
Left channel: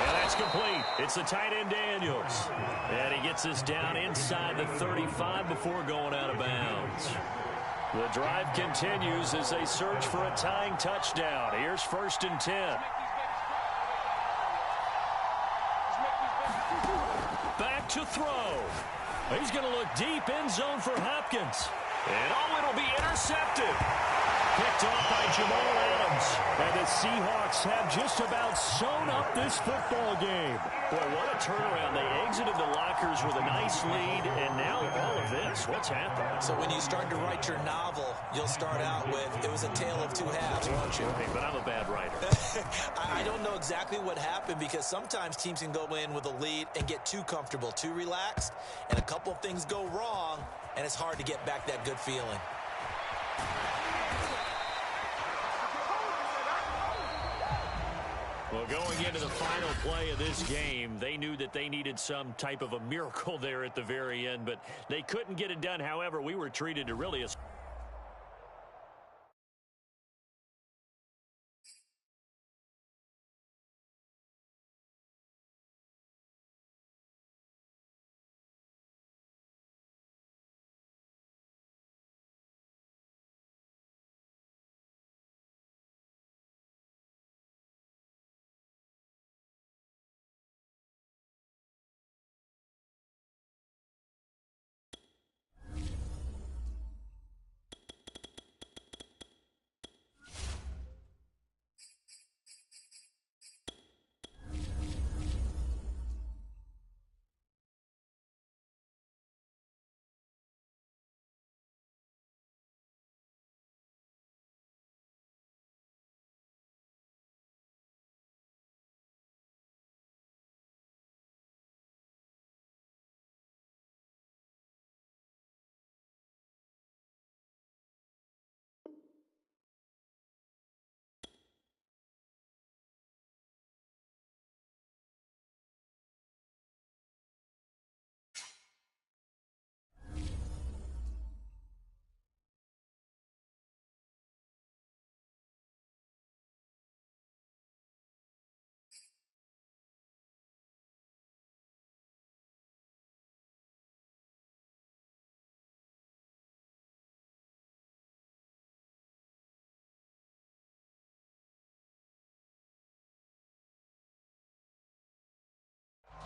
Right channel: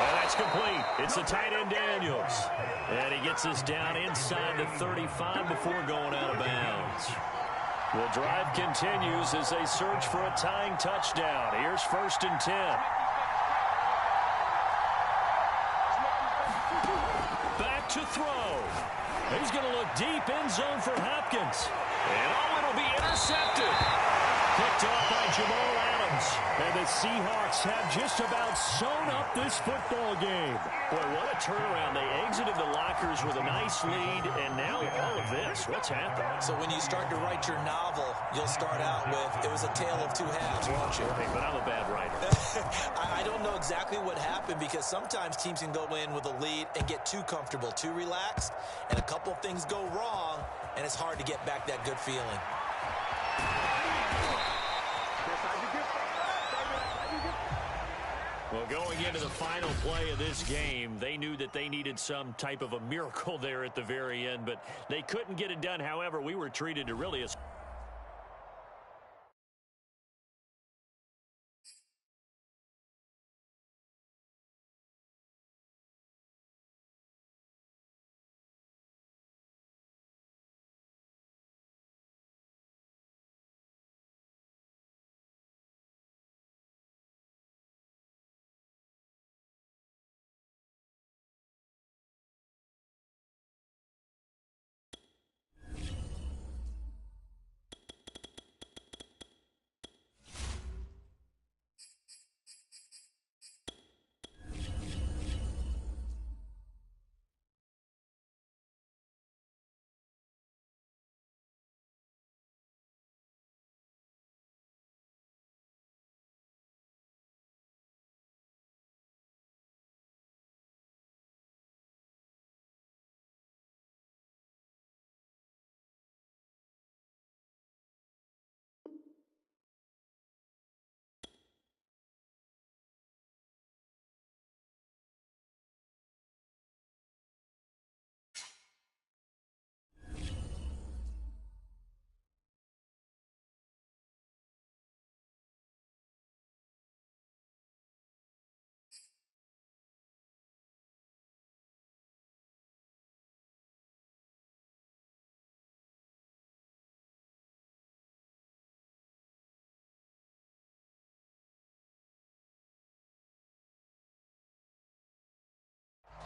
And that's complete. It's the tight end Daniels. And he gets us down inside the 35 before going out of bounds. The drive continues as they search for a tying touchdown. Here's 1st and 10. Back to throw. He's going to look deep end zone for Hopkins. And it'll be intercepted. Picked off by Jamal Adams. And the Seahawks have just about sewn up this football game. Boy, what a turnaround. They exited the lockers with a nice lead, and now all of this. What's happening? So when you start to write your novel, you'll start out with, it was a tale of 2 halves, won't you? Right, but I'm a bad writer. I don't know exactly what happened because sometimes teams can go in with a lead and get too comfortable, too relaxed, and a couple of things go wrong, and it's hard to get back that good feeling. Well, going into the final play of this game, they knew that they needed some type of a miracle there at the very end, but they couldn't get it done. However, we were treated to really a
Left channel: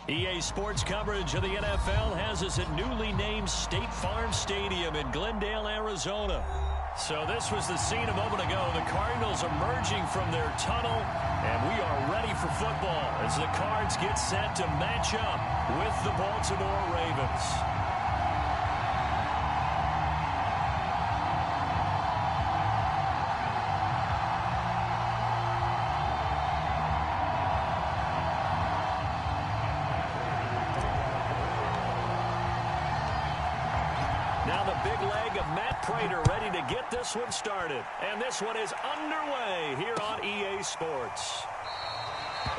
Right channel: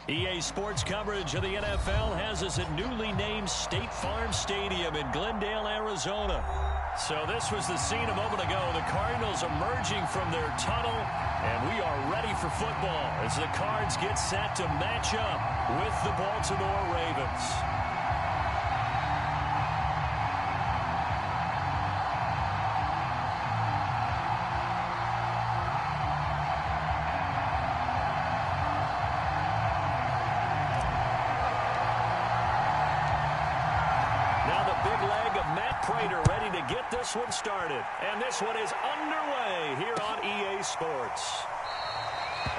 EA Sports coverage of the NFL has us at newly named State Farm Stadium in Glendale, Arizona. So this was the scene a moment ago. The Cardinals emerging from their tunnel, and we are ready for football as the Cards get set to match up with the Baltimore Ravens. Now the big leg of Matt Prater ready to get this one started. And this one is underway here on EA Sports.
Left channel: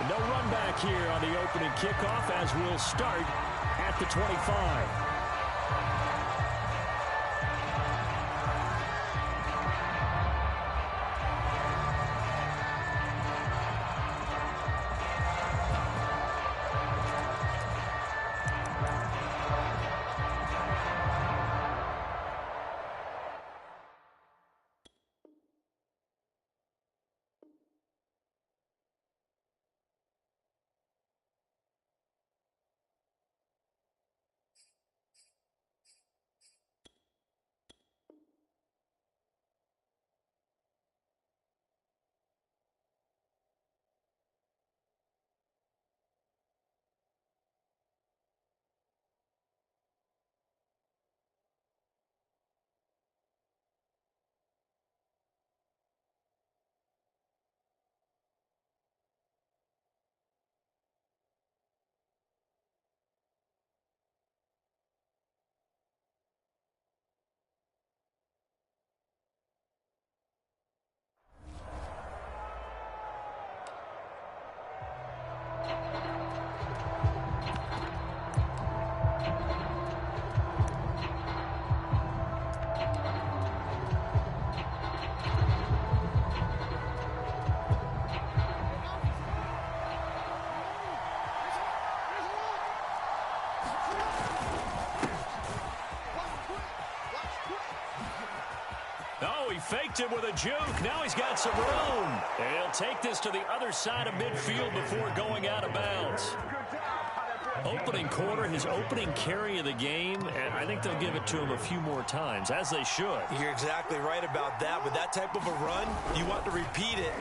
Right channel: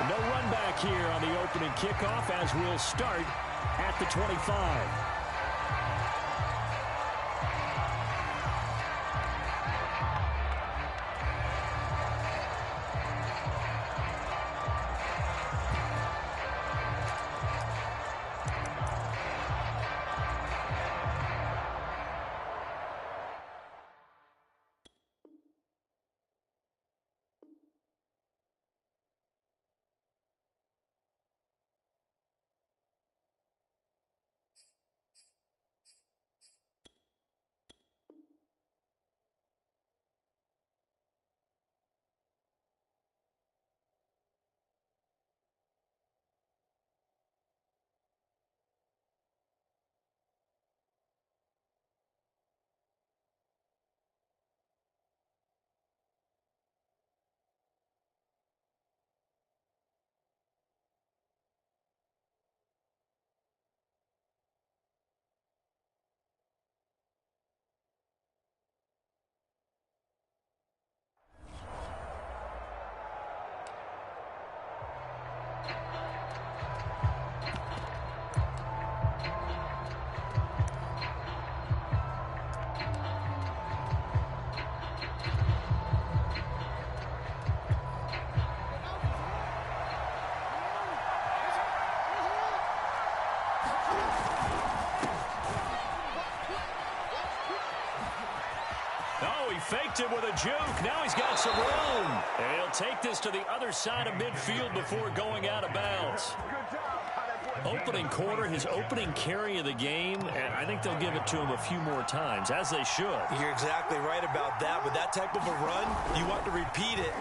No run back here on the opening kickoff as we'll start at the 25. Oh, he faked it with a juke. Now he's got some room. And he'll take this to the other side of midfield before going out of bounds. Opening quarter, his opening carry of the game, and I think they'll give it to him a few more times, as they should. You're exactly right about that. With that type of a run, you want to repeat it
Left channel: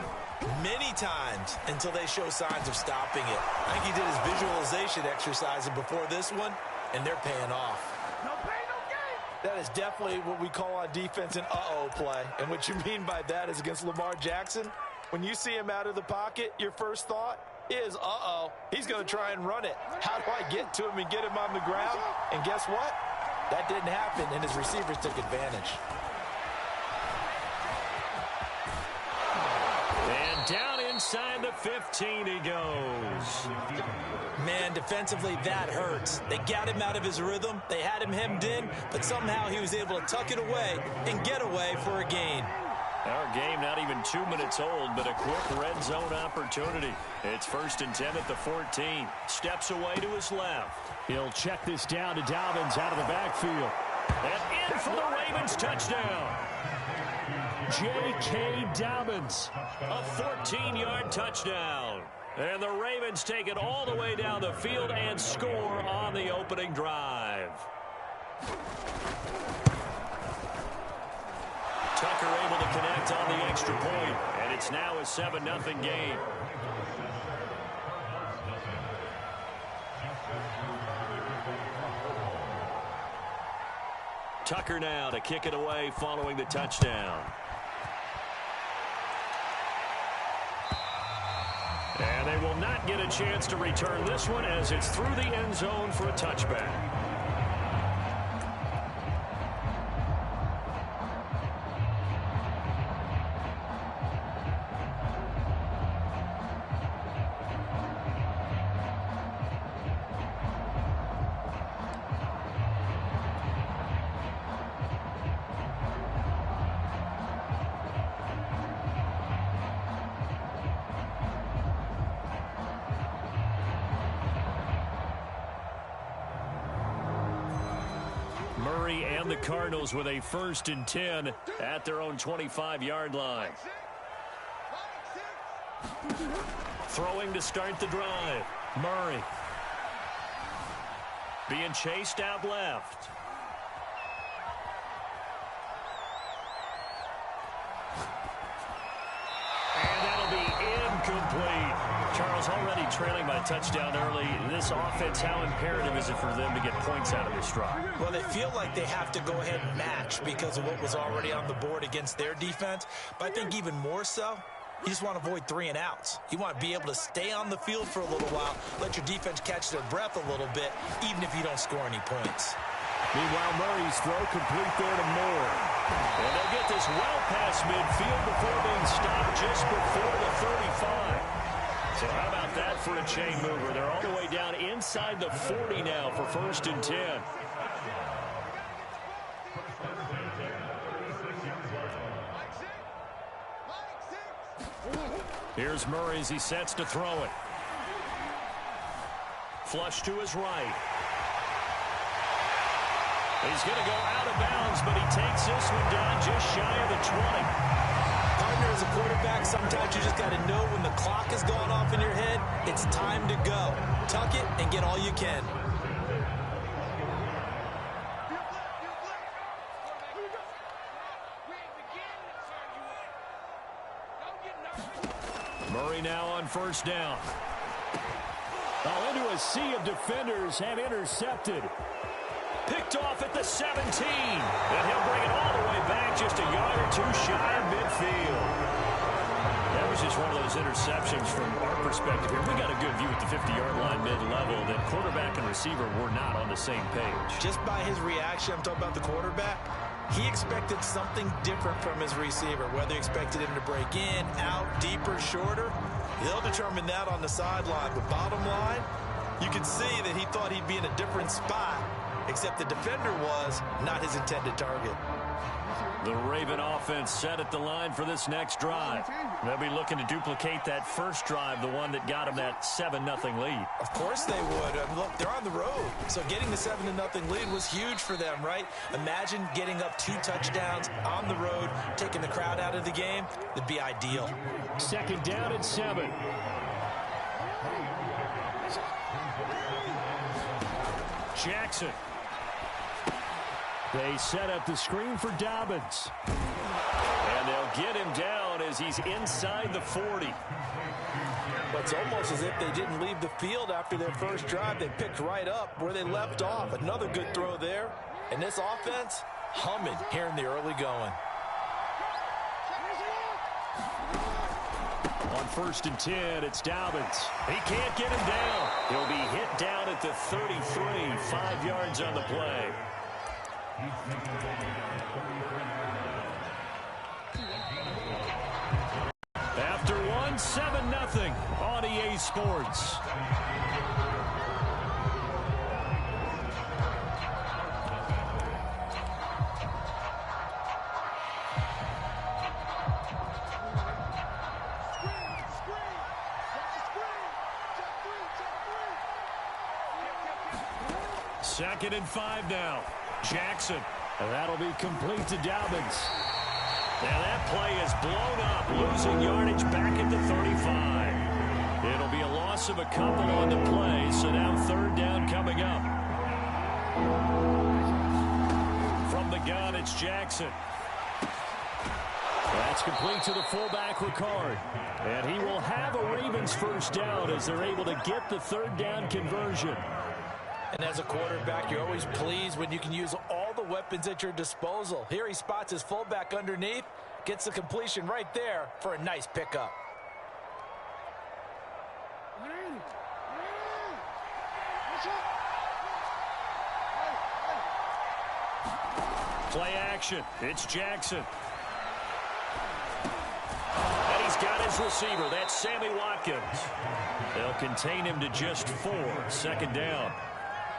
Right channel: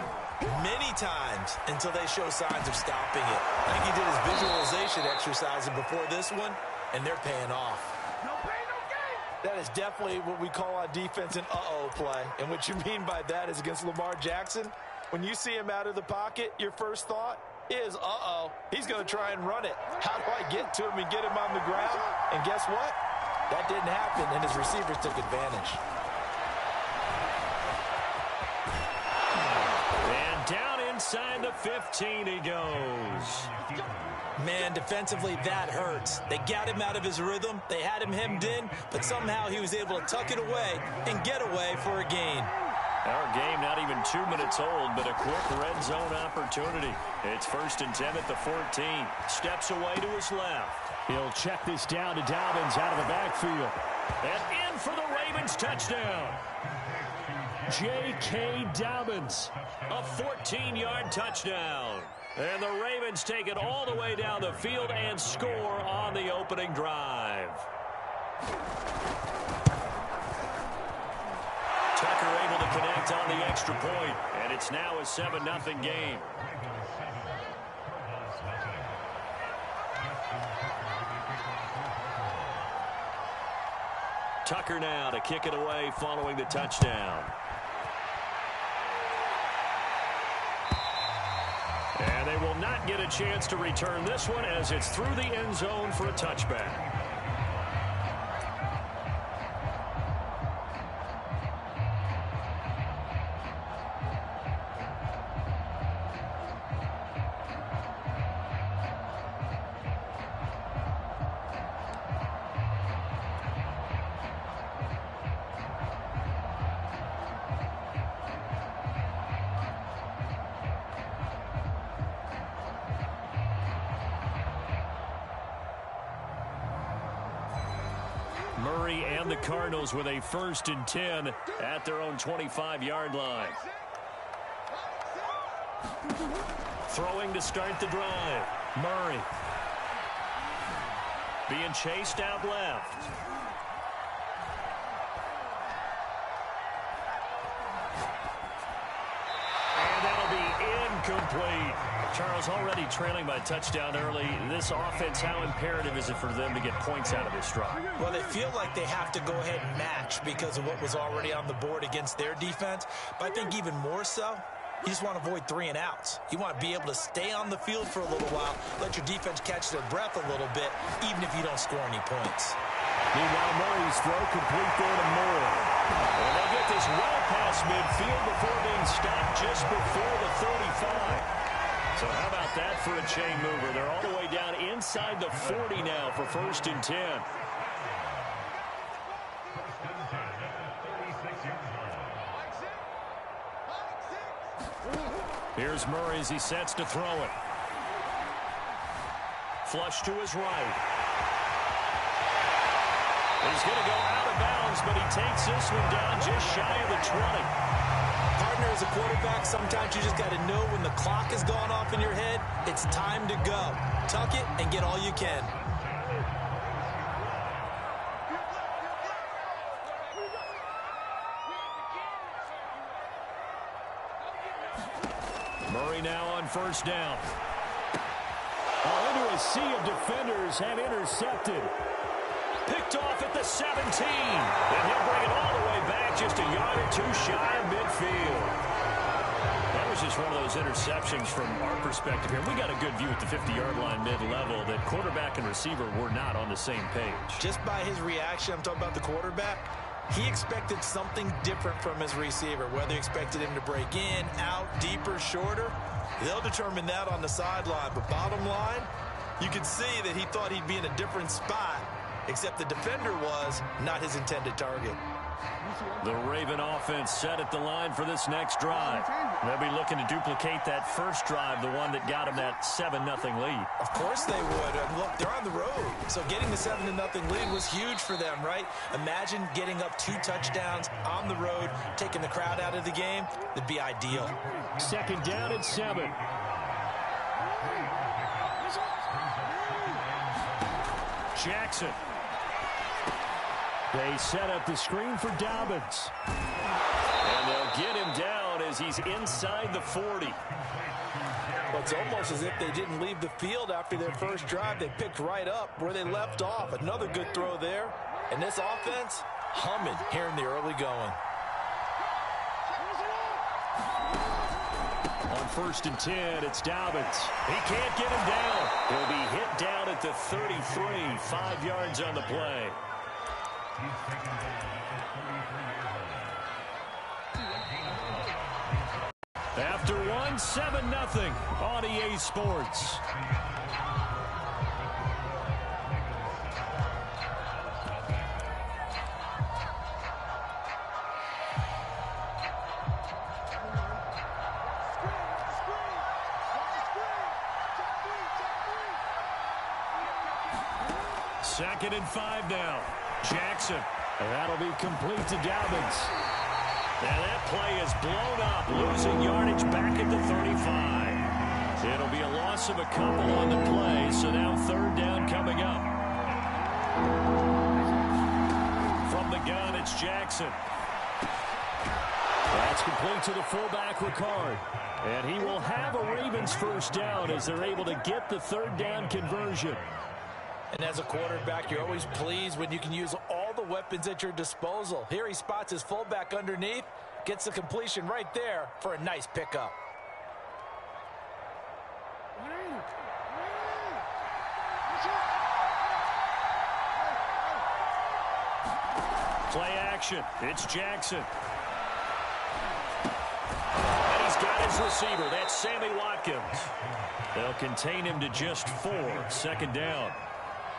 many times until they show signs of stopping it. I think he did his visualization exercise before this one, and they're paying off. No pain, no gain. That is definitely what we call on defense an uh-oh play. And what you mean by that is against Lamar Jackson, when you see him out of the pocket, your first thought is, uh-oh, he's going to try and run it. How do I get to him and get him on the ground? And guess what? That didn't happen, and his receivers took advantage. And down inside the 15 he goes. Man, defensively, that hurts. They got him out of his rhythm. They had him hemmed in, but somehow he was able to tuck it away and get away for a gain. Our game not even 2 minutes old, but a quick red zone opportunity. It's 1st and 10 at the 14. Steps away to his left. He'll check this down to Dobbins out of the backfield. And in for the Ravens touchdown. J.K. Dobbins. A 14-yard touchdown. And the Ravens take it all the way down the field and score on the opening drive. Tucker able to connect on the extra point, and it's now a 7-0 game. Tucker now to kick it away following the touchdown. And they will not get a chance to return this one as it's through the end zone for a touchback. Murray and the Cardinals with a 1st and 10 at their own 25-yard line. Throwing to start the drive. Murray. being chased out left. And that'll be incomplete. Charles, already trailing by a touchdown early. This offense, how imperative is it for them to get points out of this drive? Well, they feel like they have to go ahead and match because of what was already on the board against their defense. But I think even more so, you just want to avoid 3 and outs. You want to be able to stay on the field for a little while, let your defense catch their breath a little bit, even if you don't score any points. Meanwhile, Murray's throw complete there to Moore. And they'll get this well past midfield before being stopped just before the 35. So how about that for a chain mover? They're all the way down inside the 40 now for 1st and 10. Here's Murray as he sets to throw it. Flush to his right. He's going to go out of bounds, but he takes this one down just shy of the 20. Partner, as a quarterback, sometimes you just got to know when the clock has gone off in your head, it's time to go. Tuck it and get all you can. Murray now on 1st down. Into a sea of defenders have intercepted. Picked off at the 17. And he'll bring it all the way back just a yard or 2 shy of midfield. That was just one of those interceptions from our perspective here. We got a good view at the 50-yard line mid-level that quarterback and receiver were not on the same page. Just by his reaction, I'm talking about the quarterback, he expected something different from his receiver, whether he expected him to break in, out, deeper, shorter. They'll determine that on the sideline. But bottom line, you could see that he thought he'd be in a different spot, except the defender was not his intended target. The Raven offense set at the line for this next drive. They'll be looking to duplicate that first drive, the one that got them that 7-0 lead. Of course they would. Look, they're on the road, so getting the 7-0 lead was huge for them, right? Imagine getting up 2 touchdowns on the road, taking the crowd out of the game. That'd be ideal. 2nd down and 7. Jackson. They set up the screen for Dobbins. And they'll get him down as he's inside the 40. Well, it's almost as if they didn't leave the field after their first drive. They picked right up where they left off. Another good throw there. And this offense, humming here in the early going. On 1st and 10, it's Dobbins. He can't get him down. He'll be hit down at the 33, 5 yards on the play. After one, 7-0 on EA Sports. Second and 5 now. Jackson. And that'll be complete to Dobbins. And that play is blown up, losing yardage back at the 35. It'll be a loss of a couple on the play, so now 3rd down coming up. From the gun, it's Jackson. That's complete to the fullback, Ricard. And he will have a Ravens 1st down as they're able to get the 3rd down conversion. And as a quarterback, you're always pleased when you can use all the weapons at your disposal. Here he spots his fullback underneath, gets the completion right there for a nice pickup. Play action. It's Jackson. And he's got his receiver. That's Sammy Watkins. They'll contain him to just 4. 2nd down.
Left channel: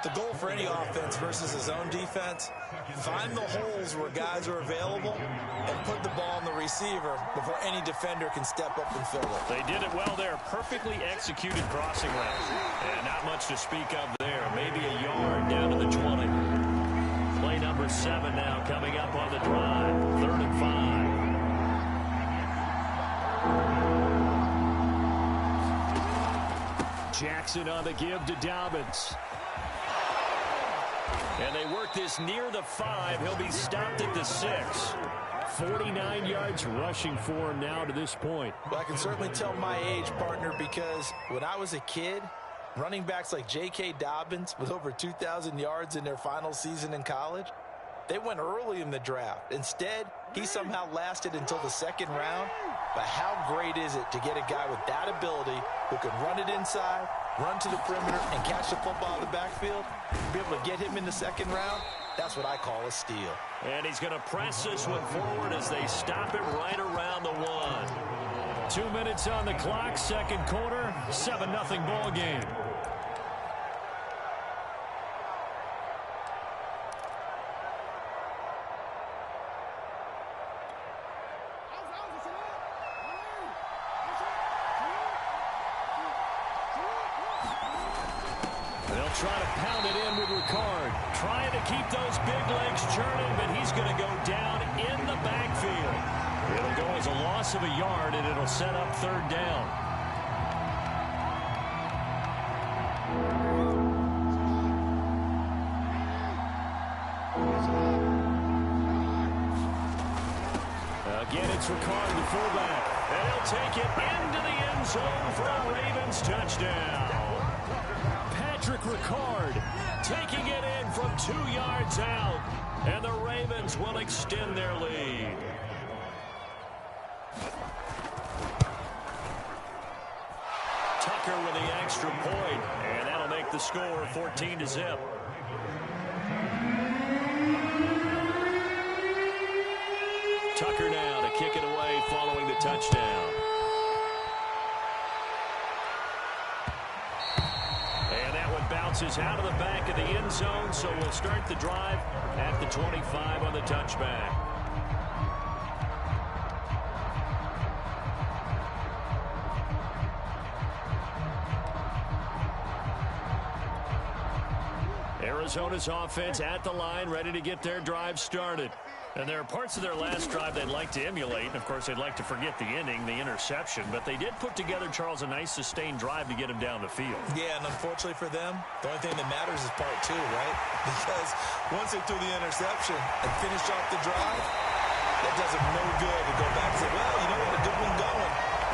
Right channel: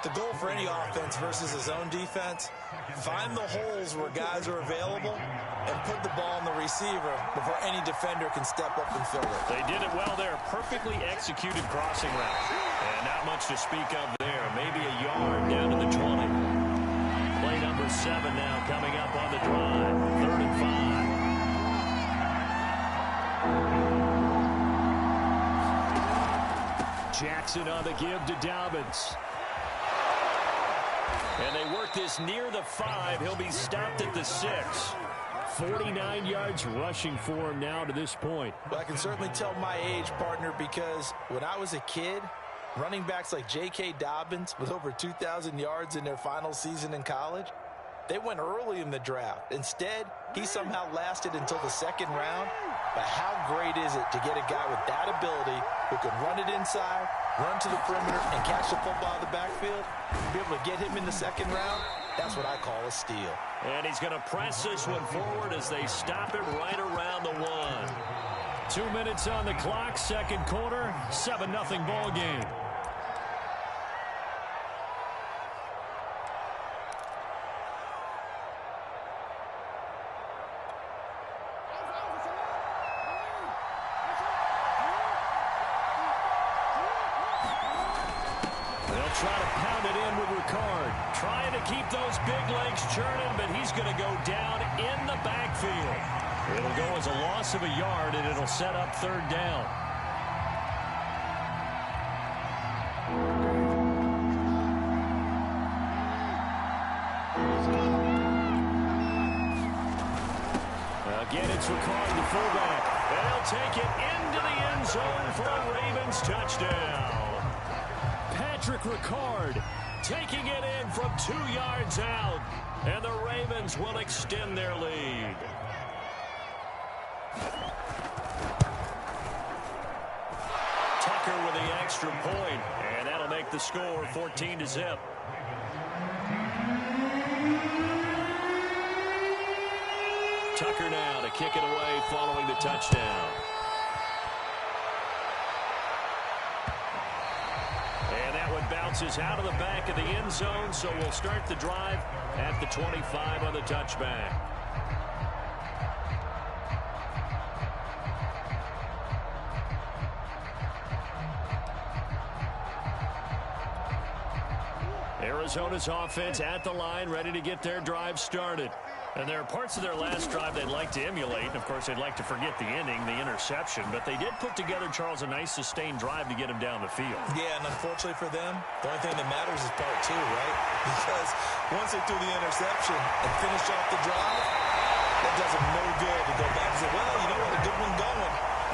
The goal for any offense versus his own defense, find the holes where guys are available and put the ball on the receiver before any defender can step up and fill it. They did it well there. Perfectly executed crossing route. And not much to speak of there. Maybe a yard down to the 20. Play number 7 now coming up on the drive. 3rd and 5. Jackson on the give to Dobbins. And they work this near the 5. He'll be stopped at the 6. 49 yards rushing for him now to this point. Well, I can certainly tell my age, partner, because when I was a kid, running backs like J.K. Dobbins with over 2,000 yards in their final season in college, they went early in the draft. Instead, he somehow lasted until the 2nd round. But how great is it to get a guy with that ability who can run it inside, run to the perimeter, and catch the football out of the backfield? Be able to get him in the 2nd round, that's what I call a steal. And he's going to press this one forward as they stop it right around the 1. 2 minutes on the clock, 2nd quarter, 7-0 ball game. Try to pound it in with Ricard. Trying to keep those big legs churning, but he's going to go down in the backfield. It'll go as a loss of a yard, and it'll set up 3rd down. Again, it's Ricard, the fullback. And he'll take it into the end zone for a Ravens touchdown. Patrick Ricard taking it in from 2 yards out, and the Ravens will extend their lead. Tucker with the extra point, and that'll make the score 14-0. Tucker now to kick it away following the touchdown. Bounces out of the back of the end zone, so we'll start the drive at the 25 on the touchback. Arizona's offense at the line, ready to get their drive started. And there are parts of their last drive they'd like to emulate. And, of course, they'd like to forget the inning, the interception. But they did put together, Charles, a nice sustained drive to get him down the field. Yeah, and unfortunately for them, the only thing that matters is part 2, right? Because once they threw the interception and finished off the drive, that does them no good to go back and say, well, you know what, a good one going.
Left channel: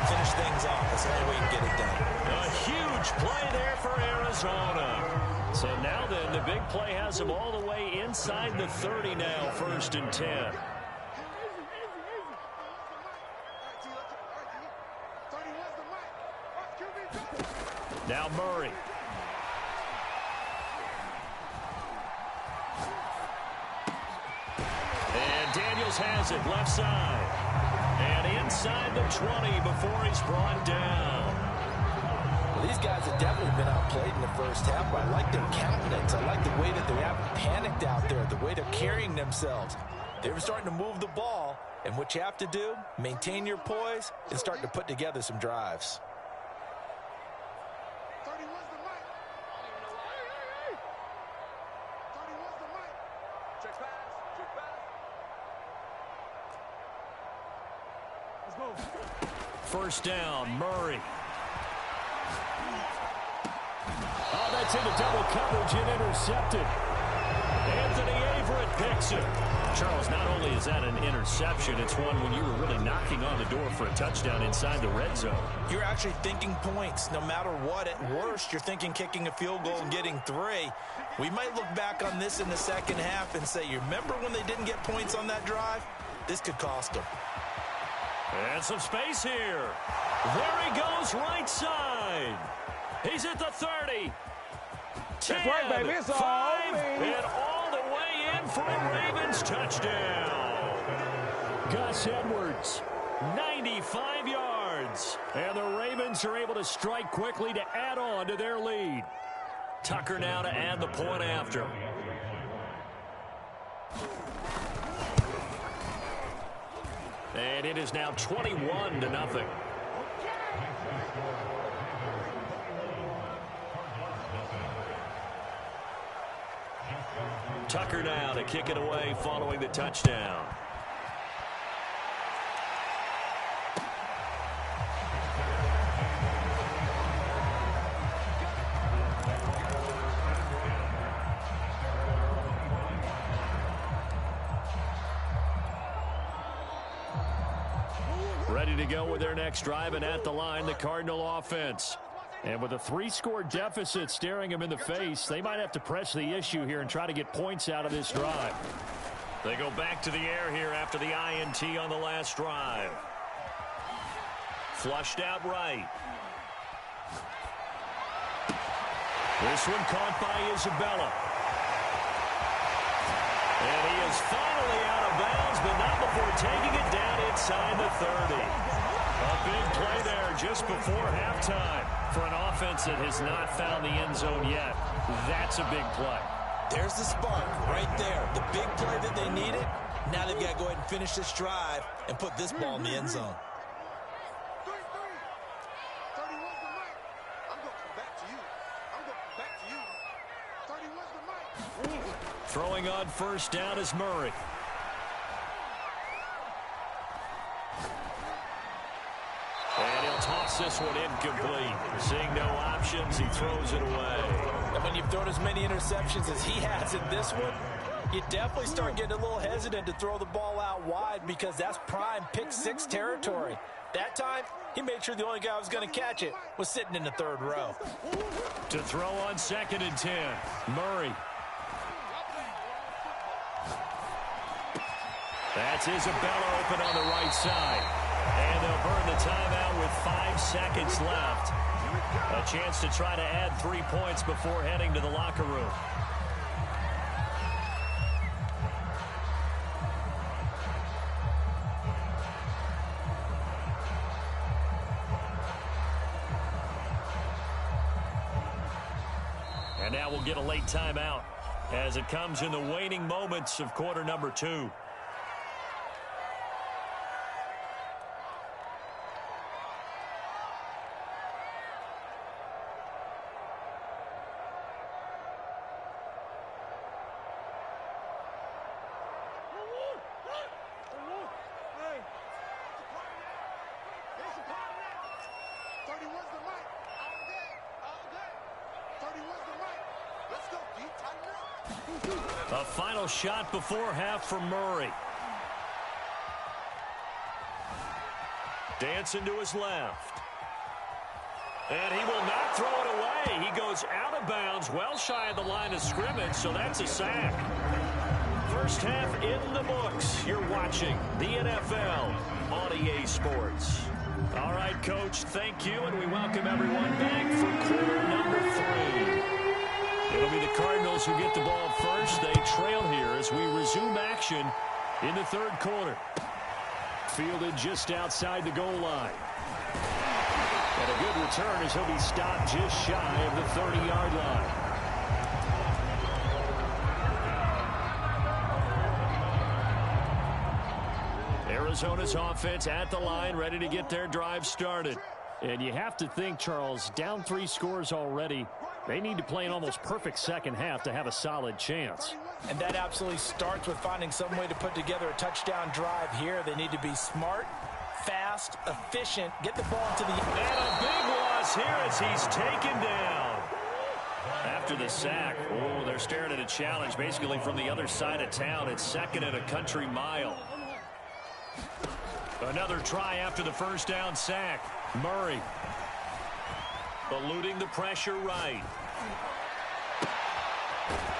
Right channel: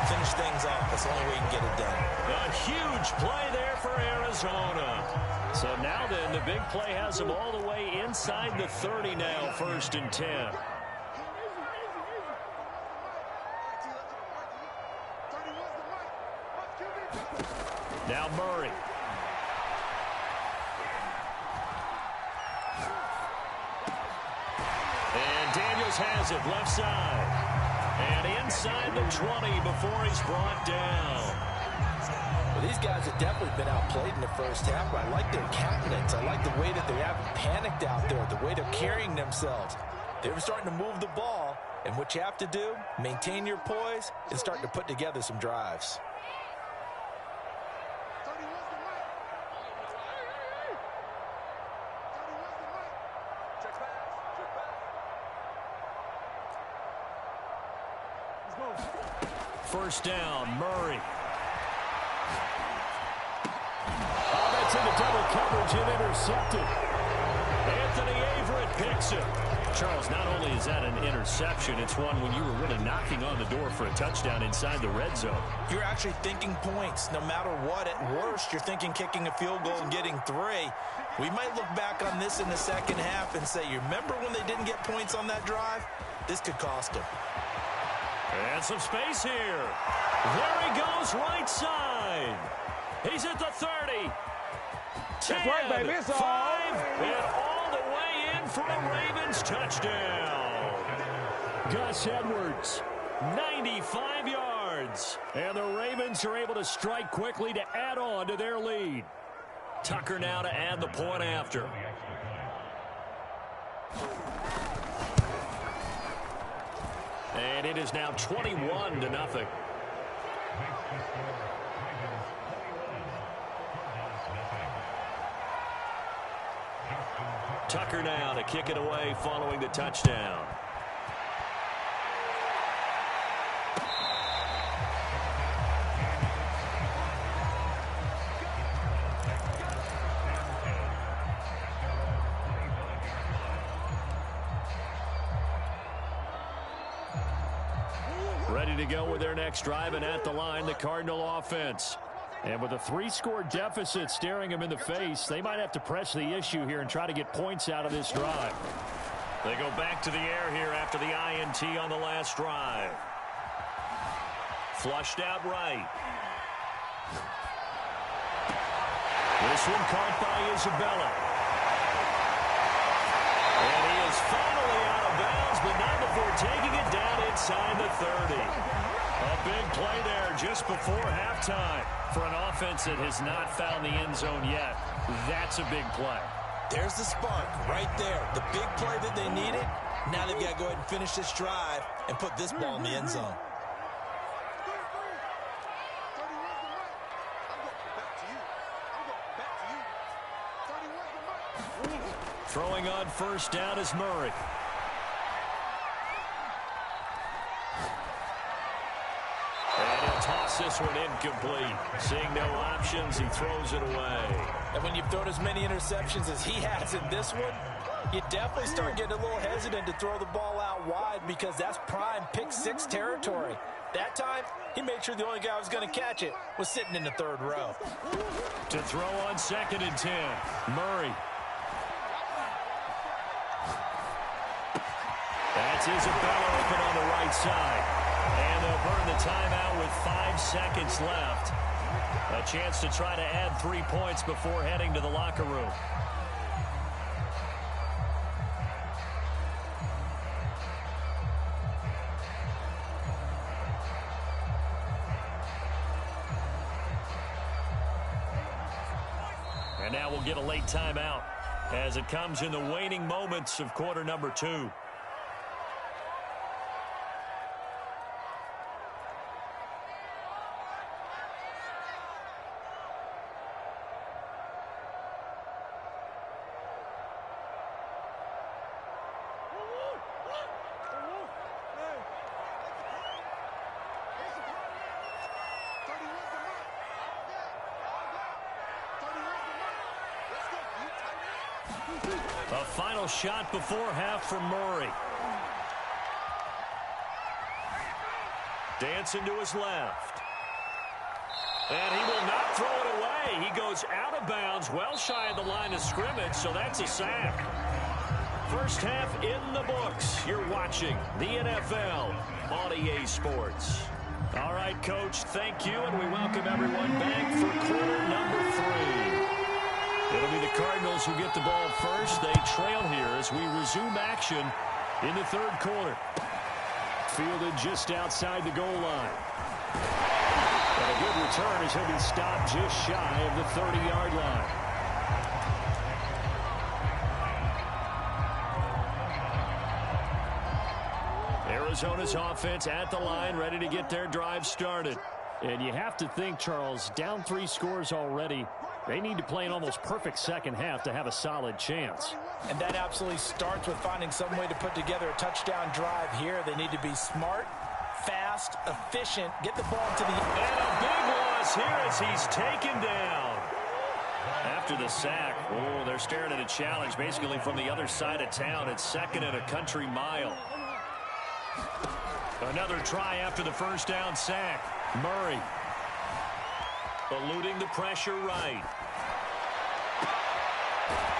Finish things off. That's the only way you can get it done. A huge play there for Arizona. So now then, the big play has them all the way inside the 30 now, 1st and 10. Now Murray. And Daniels has it, left side. And inside the 20 before he's brought down. Well, these guys have definitely been outplayed in the first half, but I like their countenance. I like the way that they haven't panicked out there, the way they're carrying themselves. They're starting to move the ball, and what you have to do, maintain your poise and start to put together some drives. First down, Murray. Oh, that's into double coverage and intercepted. Anthony Averett picks it. Charles, not only is that an interception, it's one when you were really knocking on the door for a touchdown inside the red zone. You're actually thinking points. No matter what, at worst, you're thinking kicking a field goal and getting 3. We might look back on this in the second half and say, you remember when they didn't get points on that drive? This could cost them. And some space here. There he goes, right side. He's at the 30. 10, That's right, baby. It's 5, and all the way in for a Ravens touchdown. Gus Edwards, 95 yards. and the Ravens are able to strike quickly to add on to their lead. Tucker now to add the point after. And it is now 21-0. Tucker now to kick it away following the touchdown. Ready to go with their next drive, and at the line, the Cardinal offense. And with a 3-score deficit staring them in the face, they might have to press the issue here and try to get points out of this drive. They go back to the air here after the INT on the last drive. Flushed out right. This one caught by Isabella. And he is finally out of bounds, but not before taking it down inside the 30. A big play there just before halftime for an offense that has not found the end zone yet. That's a big play. There's the spark right there. The big play that they needed. Now they've got to go ahead and finish this drive and put this ball in the end zone. Throwing on first down is Murray. And he'll toss this one incomplete. Seeing no options, he throws it away. And when you've thrown as many interceptions as he has in this one, you definitely start getting a little hesitant to throw the ball out wide because that's prime pick-6 territory. That time, he made sure the only guy who was going to catch it was sitting in the third row. To throw on 2nd and 10, Murray. That's Isabella open on the right side. And they'll burn the timeout with 5 seconds left. A chance to try to add 3 points before heading to the locker room. And now we'll get a late timeout as it comes in the waning moments of quarter number 2. A final shot before half for Murray. Dancing to his left. And he will not throw it away. He goes out of bounds, well shy of the line of scrimmage, so that's a sack. First half in the books. You're watching the NFL on EA Sports. All right, Coach, thank you, and we welcome everyone back for quarter number 3. It'll be the Cardinals who get the ball first. They trail here as we resume action in the third quarter. Fielded just outside the goal line. And a good return as he'll be stopped just shy of the 30-yard line. Arizona's offense at the line, ready to get their drive started. And you have to think, Charles, down 3 scores already. They need to play an almost perfect second half to have a solid chance. And that absolutely starts with finding some way to put together a touchdown drive here. They need to be smart, fast, efficient, get the ball to the... And a big loss here as he's taken down. After the sack, oh, they're staring at a challenge basically from the other side of town. It's 2nd and a country mile. Another try after the first down sack. Murray. Eluding the pressure right.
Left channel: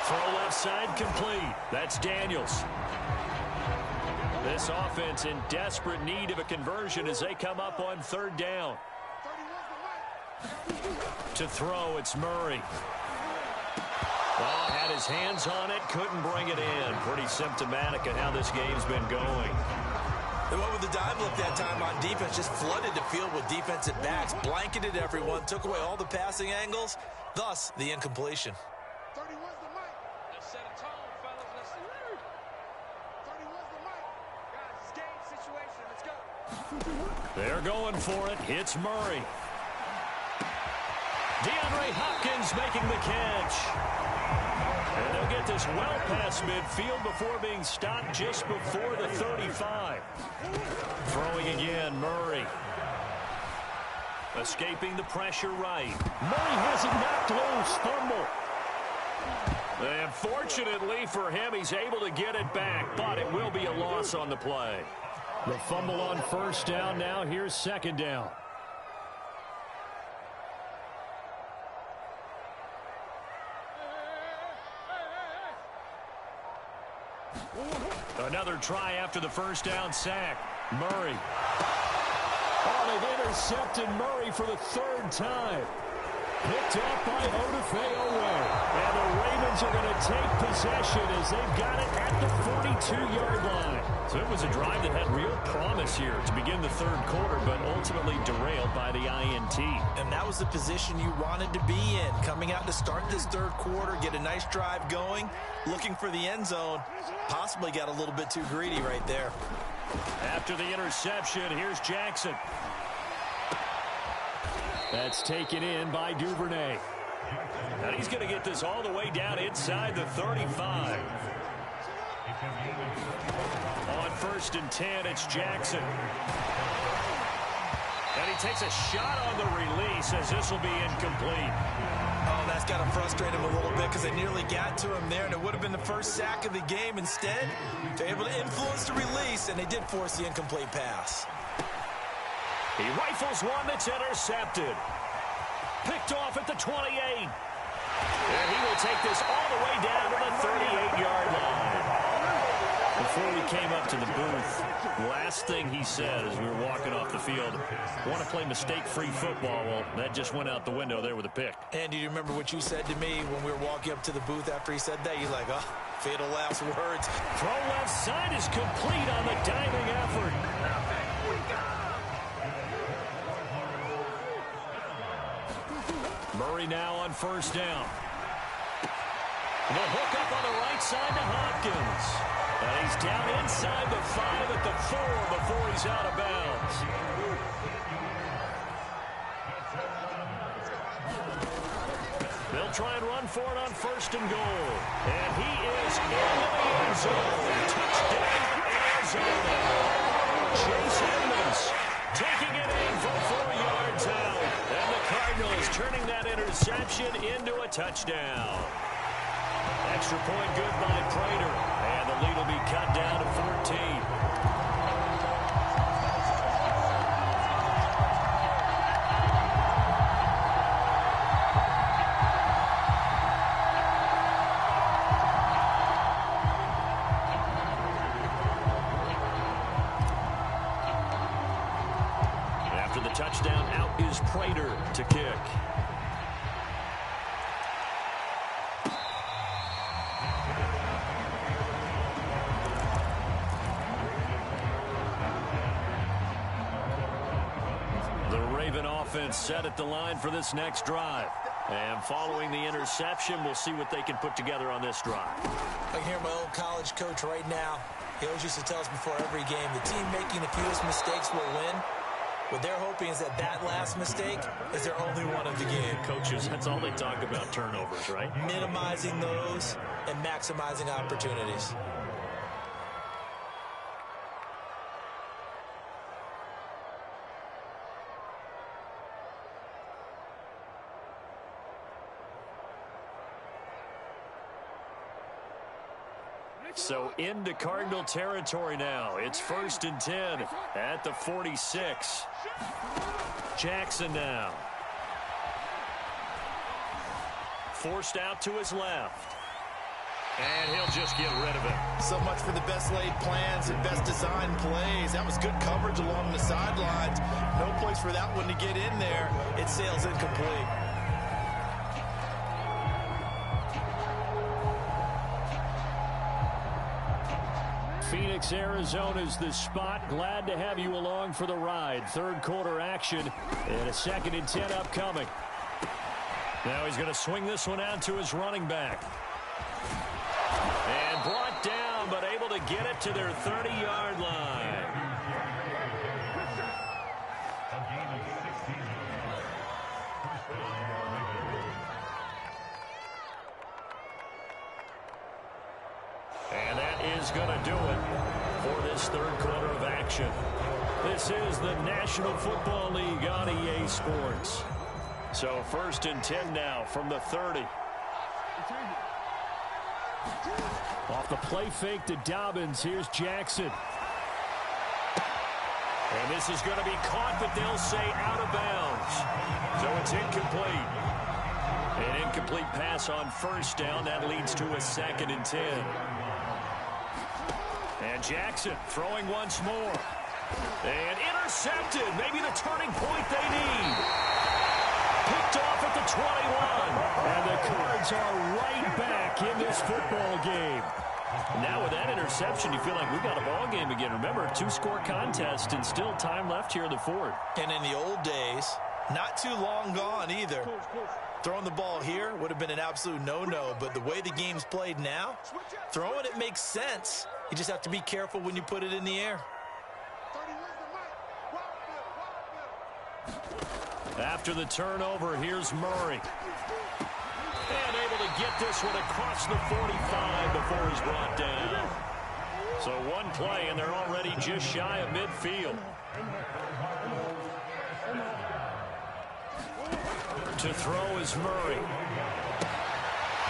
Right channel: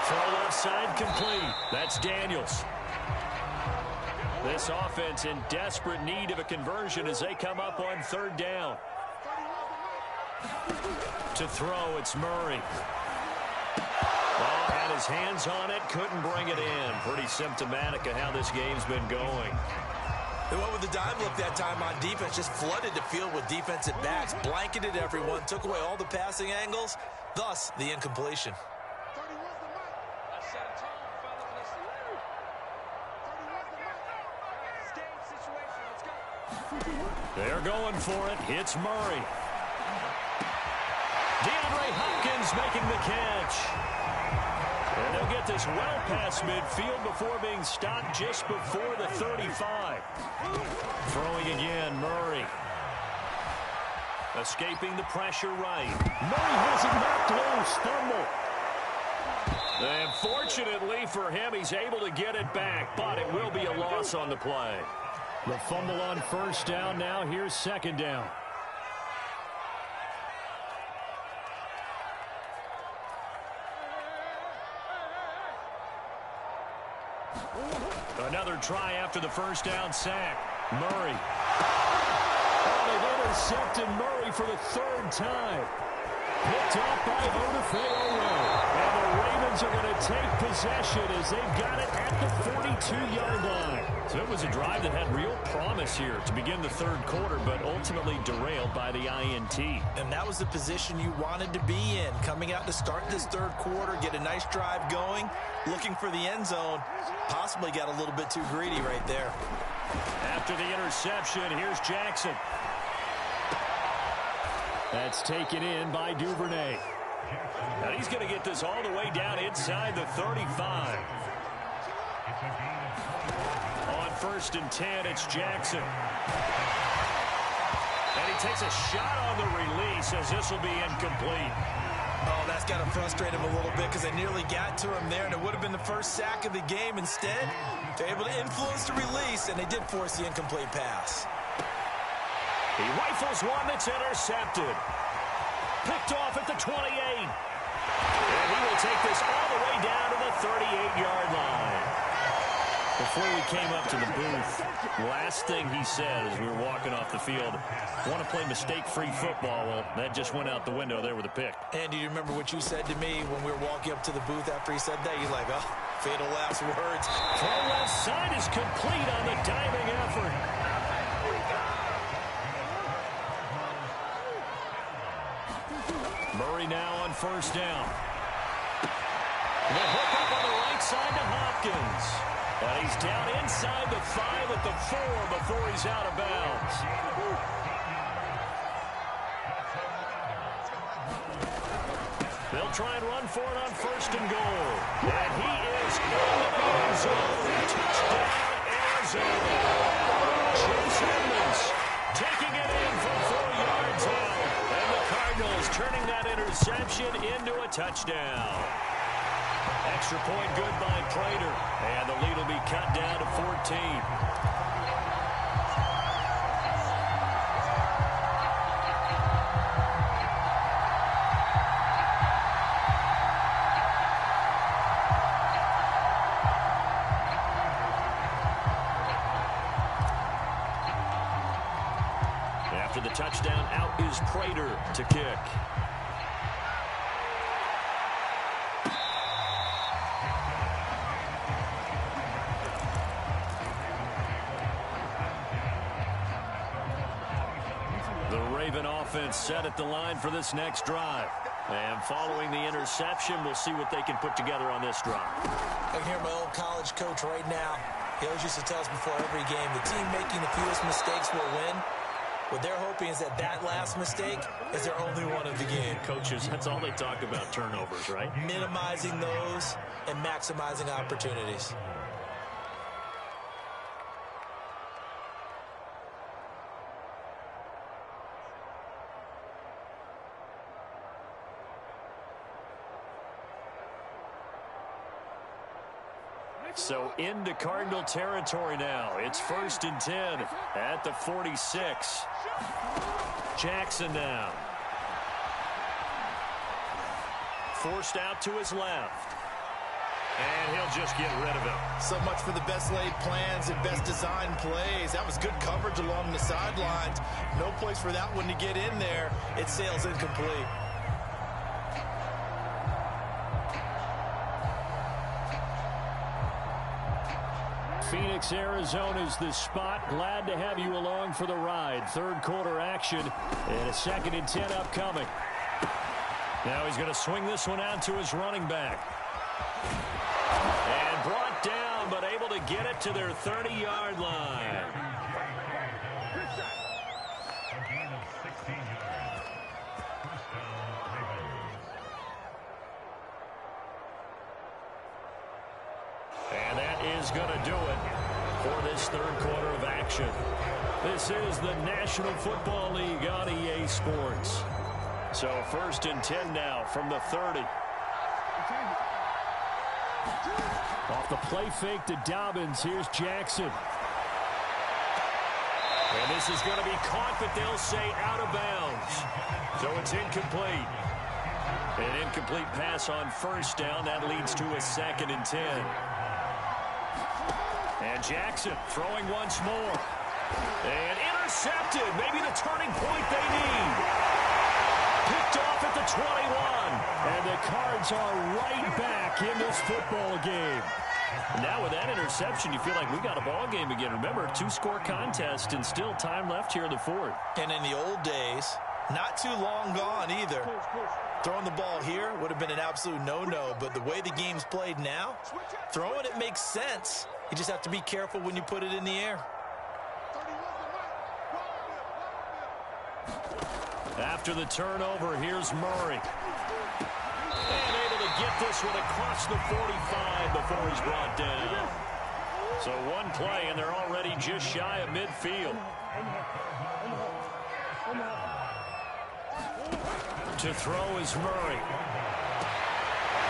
Throw left side complete. That's Daniels. This offense in desperate need of a conversion as they come up on 3rd down. To throw, it's Murray. Well, had his hands on it, couldn't bring it in. Pretty symptomatic of how this game's been going. They went with the dime look that time on defense, just flooded the field with defensive backs, blanketed everyone, took away all the passing angles, thus the incompletion. 30 was the mic. Let's set a tone, fellas. Let's 30 was the mic. Guys, it's game situation. Let's go. They're going for it. It's Murray. DeAndre Hopkins making the catch. And they'll get this well past midfield before being stopped just before the 35. Throwing again, Murray. Escaping the pressure right. Murray has it knocked loose. Fumble. And fortunately for him, he's able to get it back, but it will be a loss on the play. The fumble on first down. Now here's second down. Another try after the first down sack. Murray. Oh, they've intercepted Murray for the third time. Picked off by Odafe-Oweh. And the Ravens are going to take possession as they've got it at the 42-yard line. So it was a drive that had real promise here to begin the third quarter, but ultimately derailed by the INT. And that was the position you wanted to be in. Coming out to start this third quarter, get a nice drive going, looking for the end zone. Possibly got a little bit too greedy right there. After the interception, here's Jackson. That's taken in by Duvernay. Now he's going to get this all the way down inside the 35. On first and 10, it's Jackson. And he takes a shot on the release as this will be incomplete. Oh, that's got to frustrate him a little bit because they nearly got to him there, and it would have been the first sack of the game. Instead, they're able to influence the release, and they did force the incomplete pass. He rifles one that's intercepted. Picked off at the 28. And he will take this all the way down to the 38-yard line. Before we came up to the booth, last thing he said as we were walking off the field, want to play mistake-free football. Well, that just went out the window there with a pick. And do you remember what you said to me when we were walking up to the booth after he said that? You're like, oh, fatal last words. Throw left side is complete on the diving effort. Murray now on first down. The hook up on the right side to Hopkins. And he's down inside the 5 at the 4 before he's out of bounds. They'll try and run for it on first and goal. And he is in the end zone. Touchdown, Arizona. Chase Edmonds taking it in from 4 yards out. And the Cardinals turning that interception into a touchdown. Extra point good by Prater. And the lead will be cut down to 14. After the touchdown, out is Prater to kick. The Raven offense set at the line for this next drive. And following the interception, we'll see what they can put together on this drive. I can hear my old college coach right now. He always used to tell us before every game, the team making the fewest mistakes will win. What they're hoping is that that last mistake is their only one of the game. Coaches, that's all they talk about, turnovers, right? Minimizing those and maximizing opportunities. So into Cardinal territory now. It's first and 10 at the 46. Jackson now. Forced out to his left. And he'll just get rid of it. So much for the best laid plans and best designed plays. That was good coverage along the sidelines. No place for that one to get in there. It sails incomplete. Phoenix, Arizona's the spot. Glad to have you along for the ride. Third quarter action and a 2nd and 10 upcoming. Now he's going to swing this one out to his running back. And brought down, but able to get it to their 30-yard line. And that is going to do it for this third quarter of action. This is the National Football League on EA Sports. So first and 10 now from the 30. Off the play fake to Dobbins, here's Jackson. And this is going to be caught, but they'll say out of bounds. So it's incomplete. An incomplete pass on first down. That leads to a 2nd and 10. And Jackson throwing once more. And intercepted. Maybe the turning point they need. Picked off at the 21. And the Cards are right back in this football game. Now with that interception, you feel like we got a ball game again. Remember, 2-score contest and still time left here in the 4th. And in the old days, not too long gone either. Throwing the ball here would have been an absolute no-no, but the way the game's played now, throwing it makes sense. You just have to be careful when you put it in the air. After the turnover, here's Murray. And able to get this one across the 45 before he's brought down. So one play, and they're already just shy of midfield. To throw is Murray.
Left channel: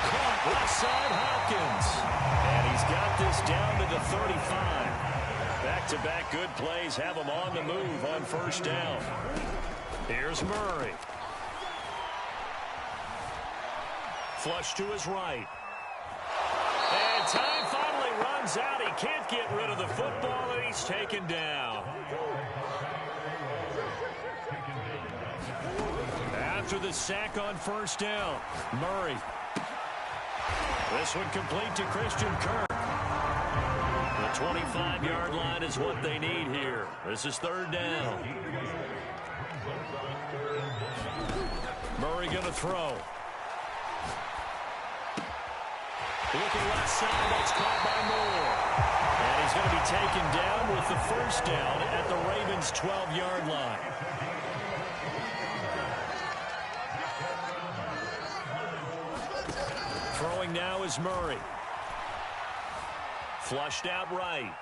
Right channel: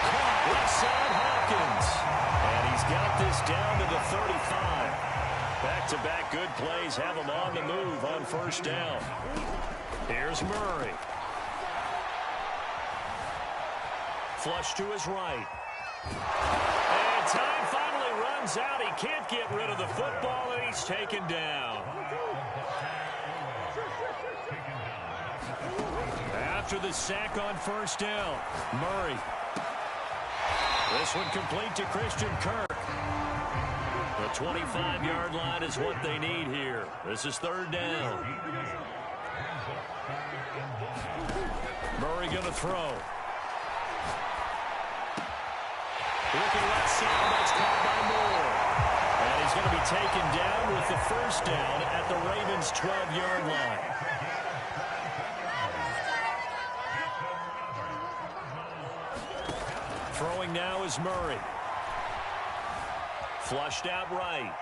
Caught left side, Hopkins. And he's got this down to the 35. Back-to-back good plays have him on the move on first down. Here's Murray. Flush to his right. And time finally runs out. He can't get rid of the football, and he's taken down. After the sack on first down, Murray. This one complete to Christian Kirk. The 25-yard line is what they need here. This is 3rd down. Murray going to throw. Looking left side, that's caught by Moore. And he's going to be taken down with the first down at the Ravens' 12-yard line. Throwing now is Murray. Flushed out right.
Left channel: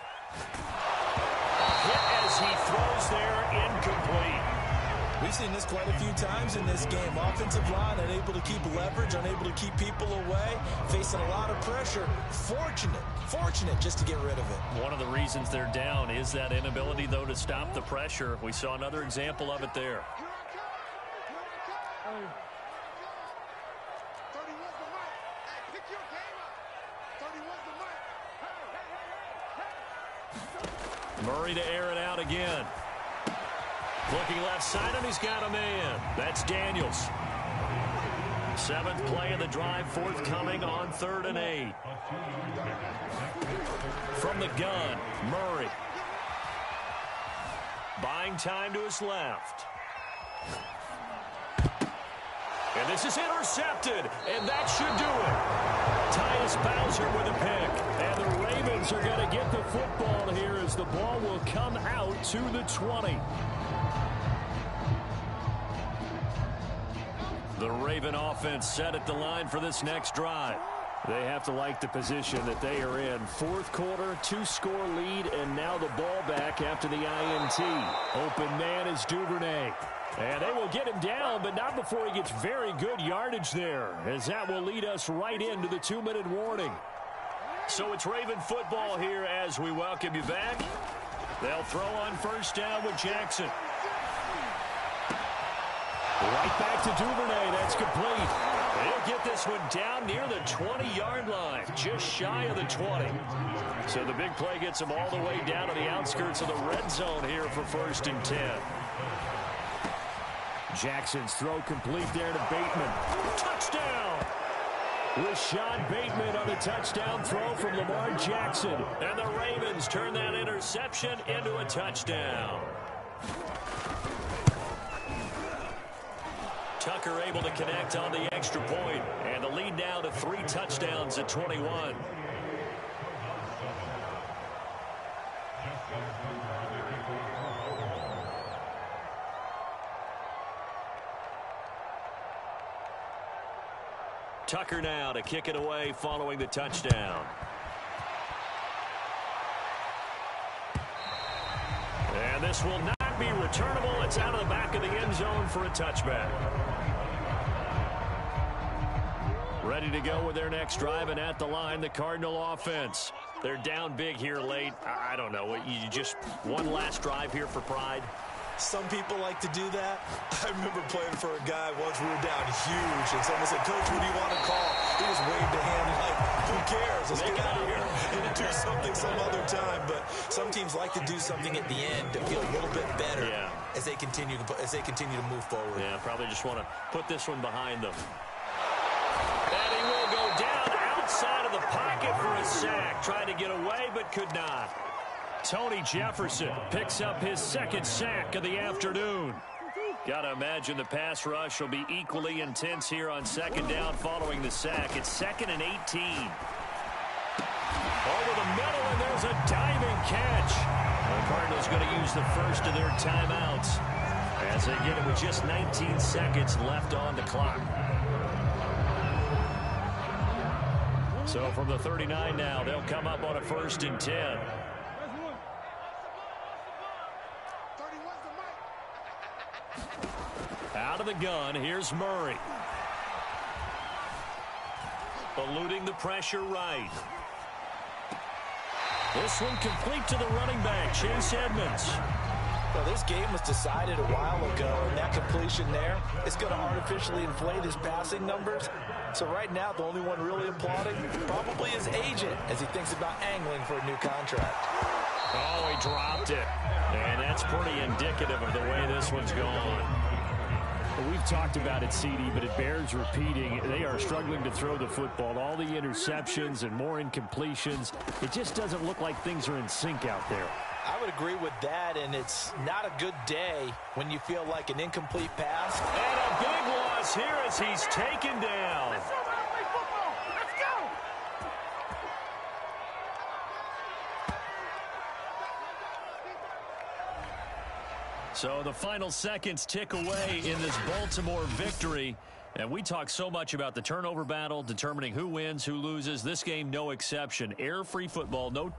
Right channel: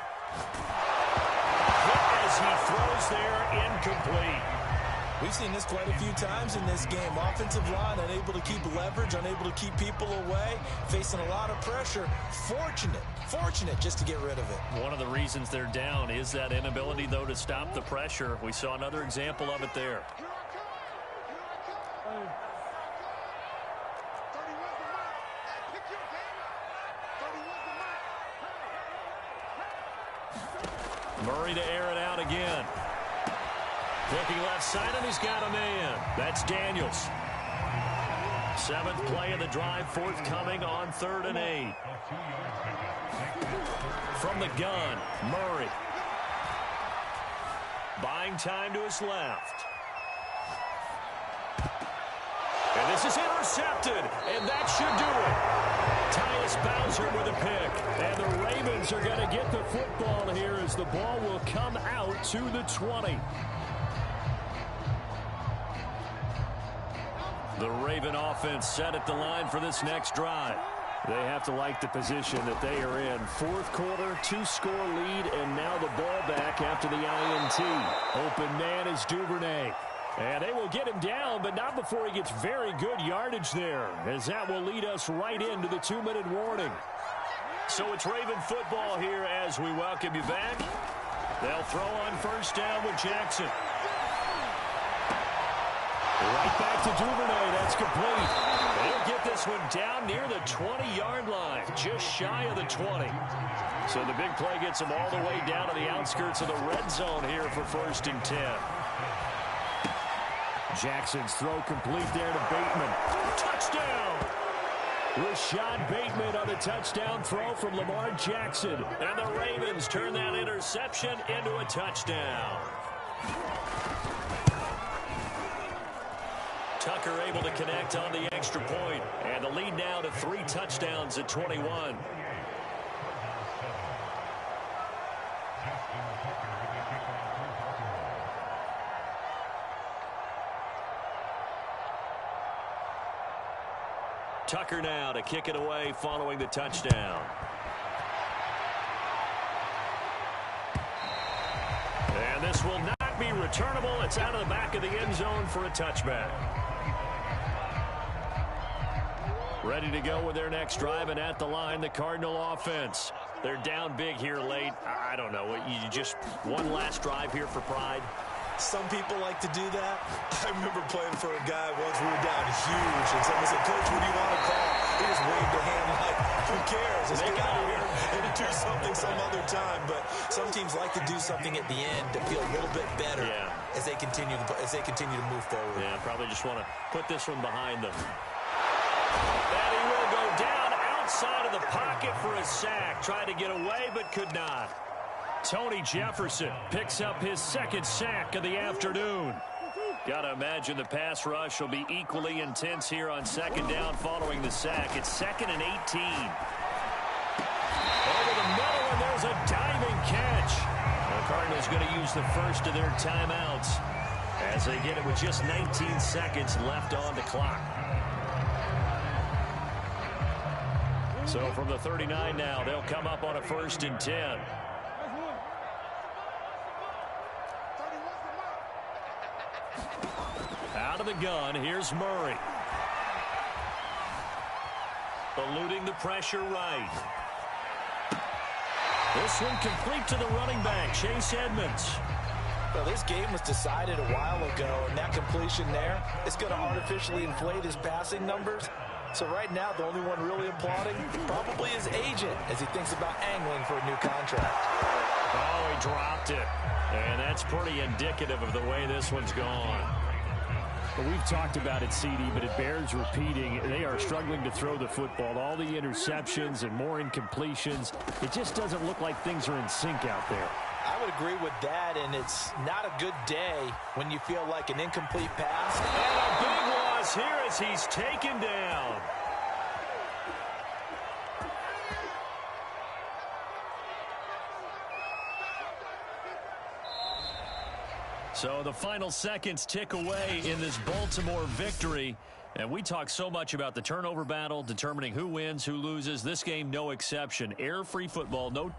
Hit as he throws there, incomplete. We've seen this quite a few times in this game. Offensive line unable to keep leverage, unable to keep people away, facing a lot of pressure. Fortunate just to get rid of it. One of the reasons they're down is that inability, though, to stop the pressure. We saw another example of it there. Murray to air it out again. Looking left side, and he's got a man. That's Daniels. 7th play of the drive, forthcoming on 3rd and 8. From the gun, Murray. Buying time to his left. And this is intercepted, and that should do it. Tyus Bowser with a pick. And the Ravens are going to get the football here as the ball will come out to the 20. The Raven offense set at the line for this next drive. They have to like the position that they are in. 4th quarter, 2-score lead, and now the ball back after the INT. Open man is Duvernay. And they will get him down, but not before he gets very good yardage there, as that will lead us right into the 2-minute warning. So it's Raven football here as we welcome you back. They'll throw on first down with Jackson. Right back to Duvernay. That's complete. They'll get this one down near the 20-yard line, just shy of the 20. So the big play gets them all the way down to the outskirts of the red zone here for 1st and 10. Jackson's throw complete there to Bateman. Touchdown! Rashad Bateman on the touchdown throw from Lamar Jackson. And the Ravens turn that interception into a touchdown. Tucker able to connect on the extra point, and the lead now to 3 touchdowns at 21. Tucker now to kick it away following the touchdown. And this will not be returnable. It's out of the back of the end zone for a touchback. Ready to go with their next drive, and at the line, the Cardinal offense. They're down big here late. I don't know. You just one last drive here for pride. Some people like to do that. I remember playing for a guy once. We were down huge, and someone said, "Coach, what do you want to call?" He just waved a hand like, "Who cares? Let's get out of here and do something some other time." But some teams like to do something at the end to feel a little bit better as they continue to move forward. Yeah, probably just want to put this one behind them. And he will go down outside of the pocket for a sack. Tried to get away, but could not. Tony Jefferson picks up his second sack of the afternoon. Got to imagine the pass rush will be equally intense here on second down following the sack. It's 2nd and 18. Over the middle, and there's a diving catch. The Cardinals going to use the first of their timeouts as they get it with just 19 seconds left on the clock. So from the 39 now, they'll come up on a 1st and 10. Out of the gun, here's Murray. Eluding the pressure right. This one complete to the running back, Chase Edmonds. Well, this game was decided a while ago, and that completion there is going to artificially inflate his passing numbers. So right now, the only one really applauding probably his agent as he thinks about angling for a new contract. Oh, he dropped it. And that's pretty indicative of the way this one's gone. Well, we've talked about it, CD, but it bears repeating. They are struggling to throw the football. All the interceptions and more incompletions. It just doesn't look like things are in sync out there. I would agree with that, and it's not a good day when you feel like an incomplete pass. And a big loss here as he's taken down. So the final seconds tick away in this Baltimore victory. And we talk so much about the turnover battle, determining who wins, who loses. This game, no exception. Error-free football, no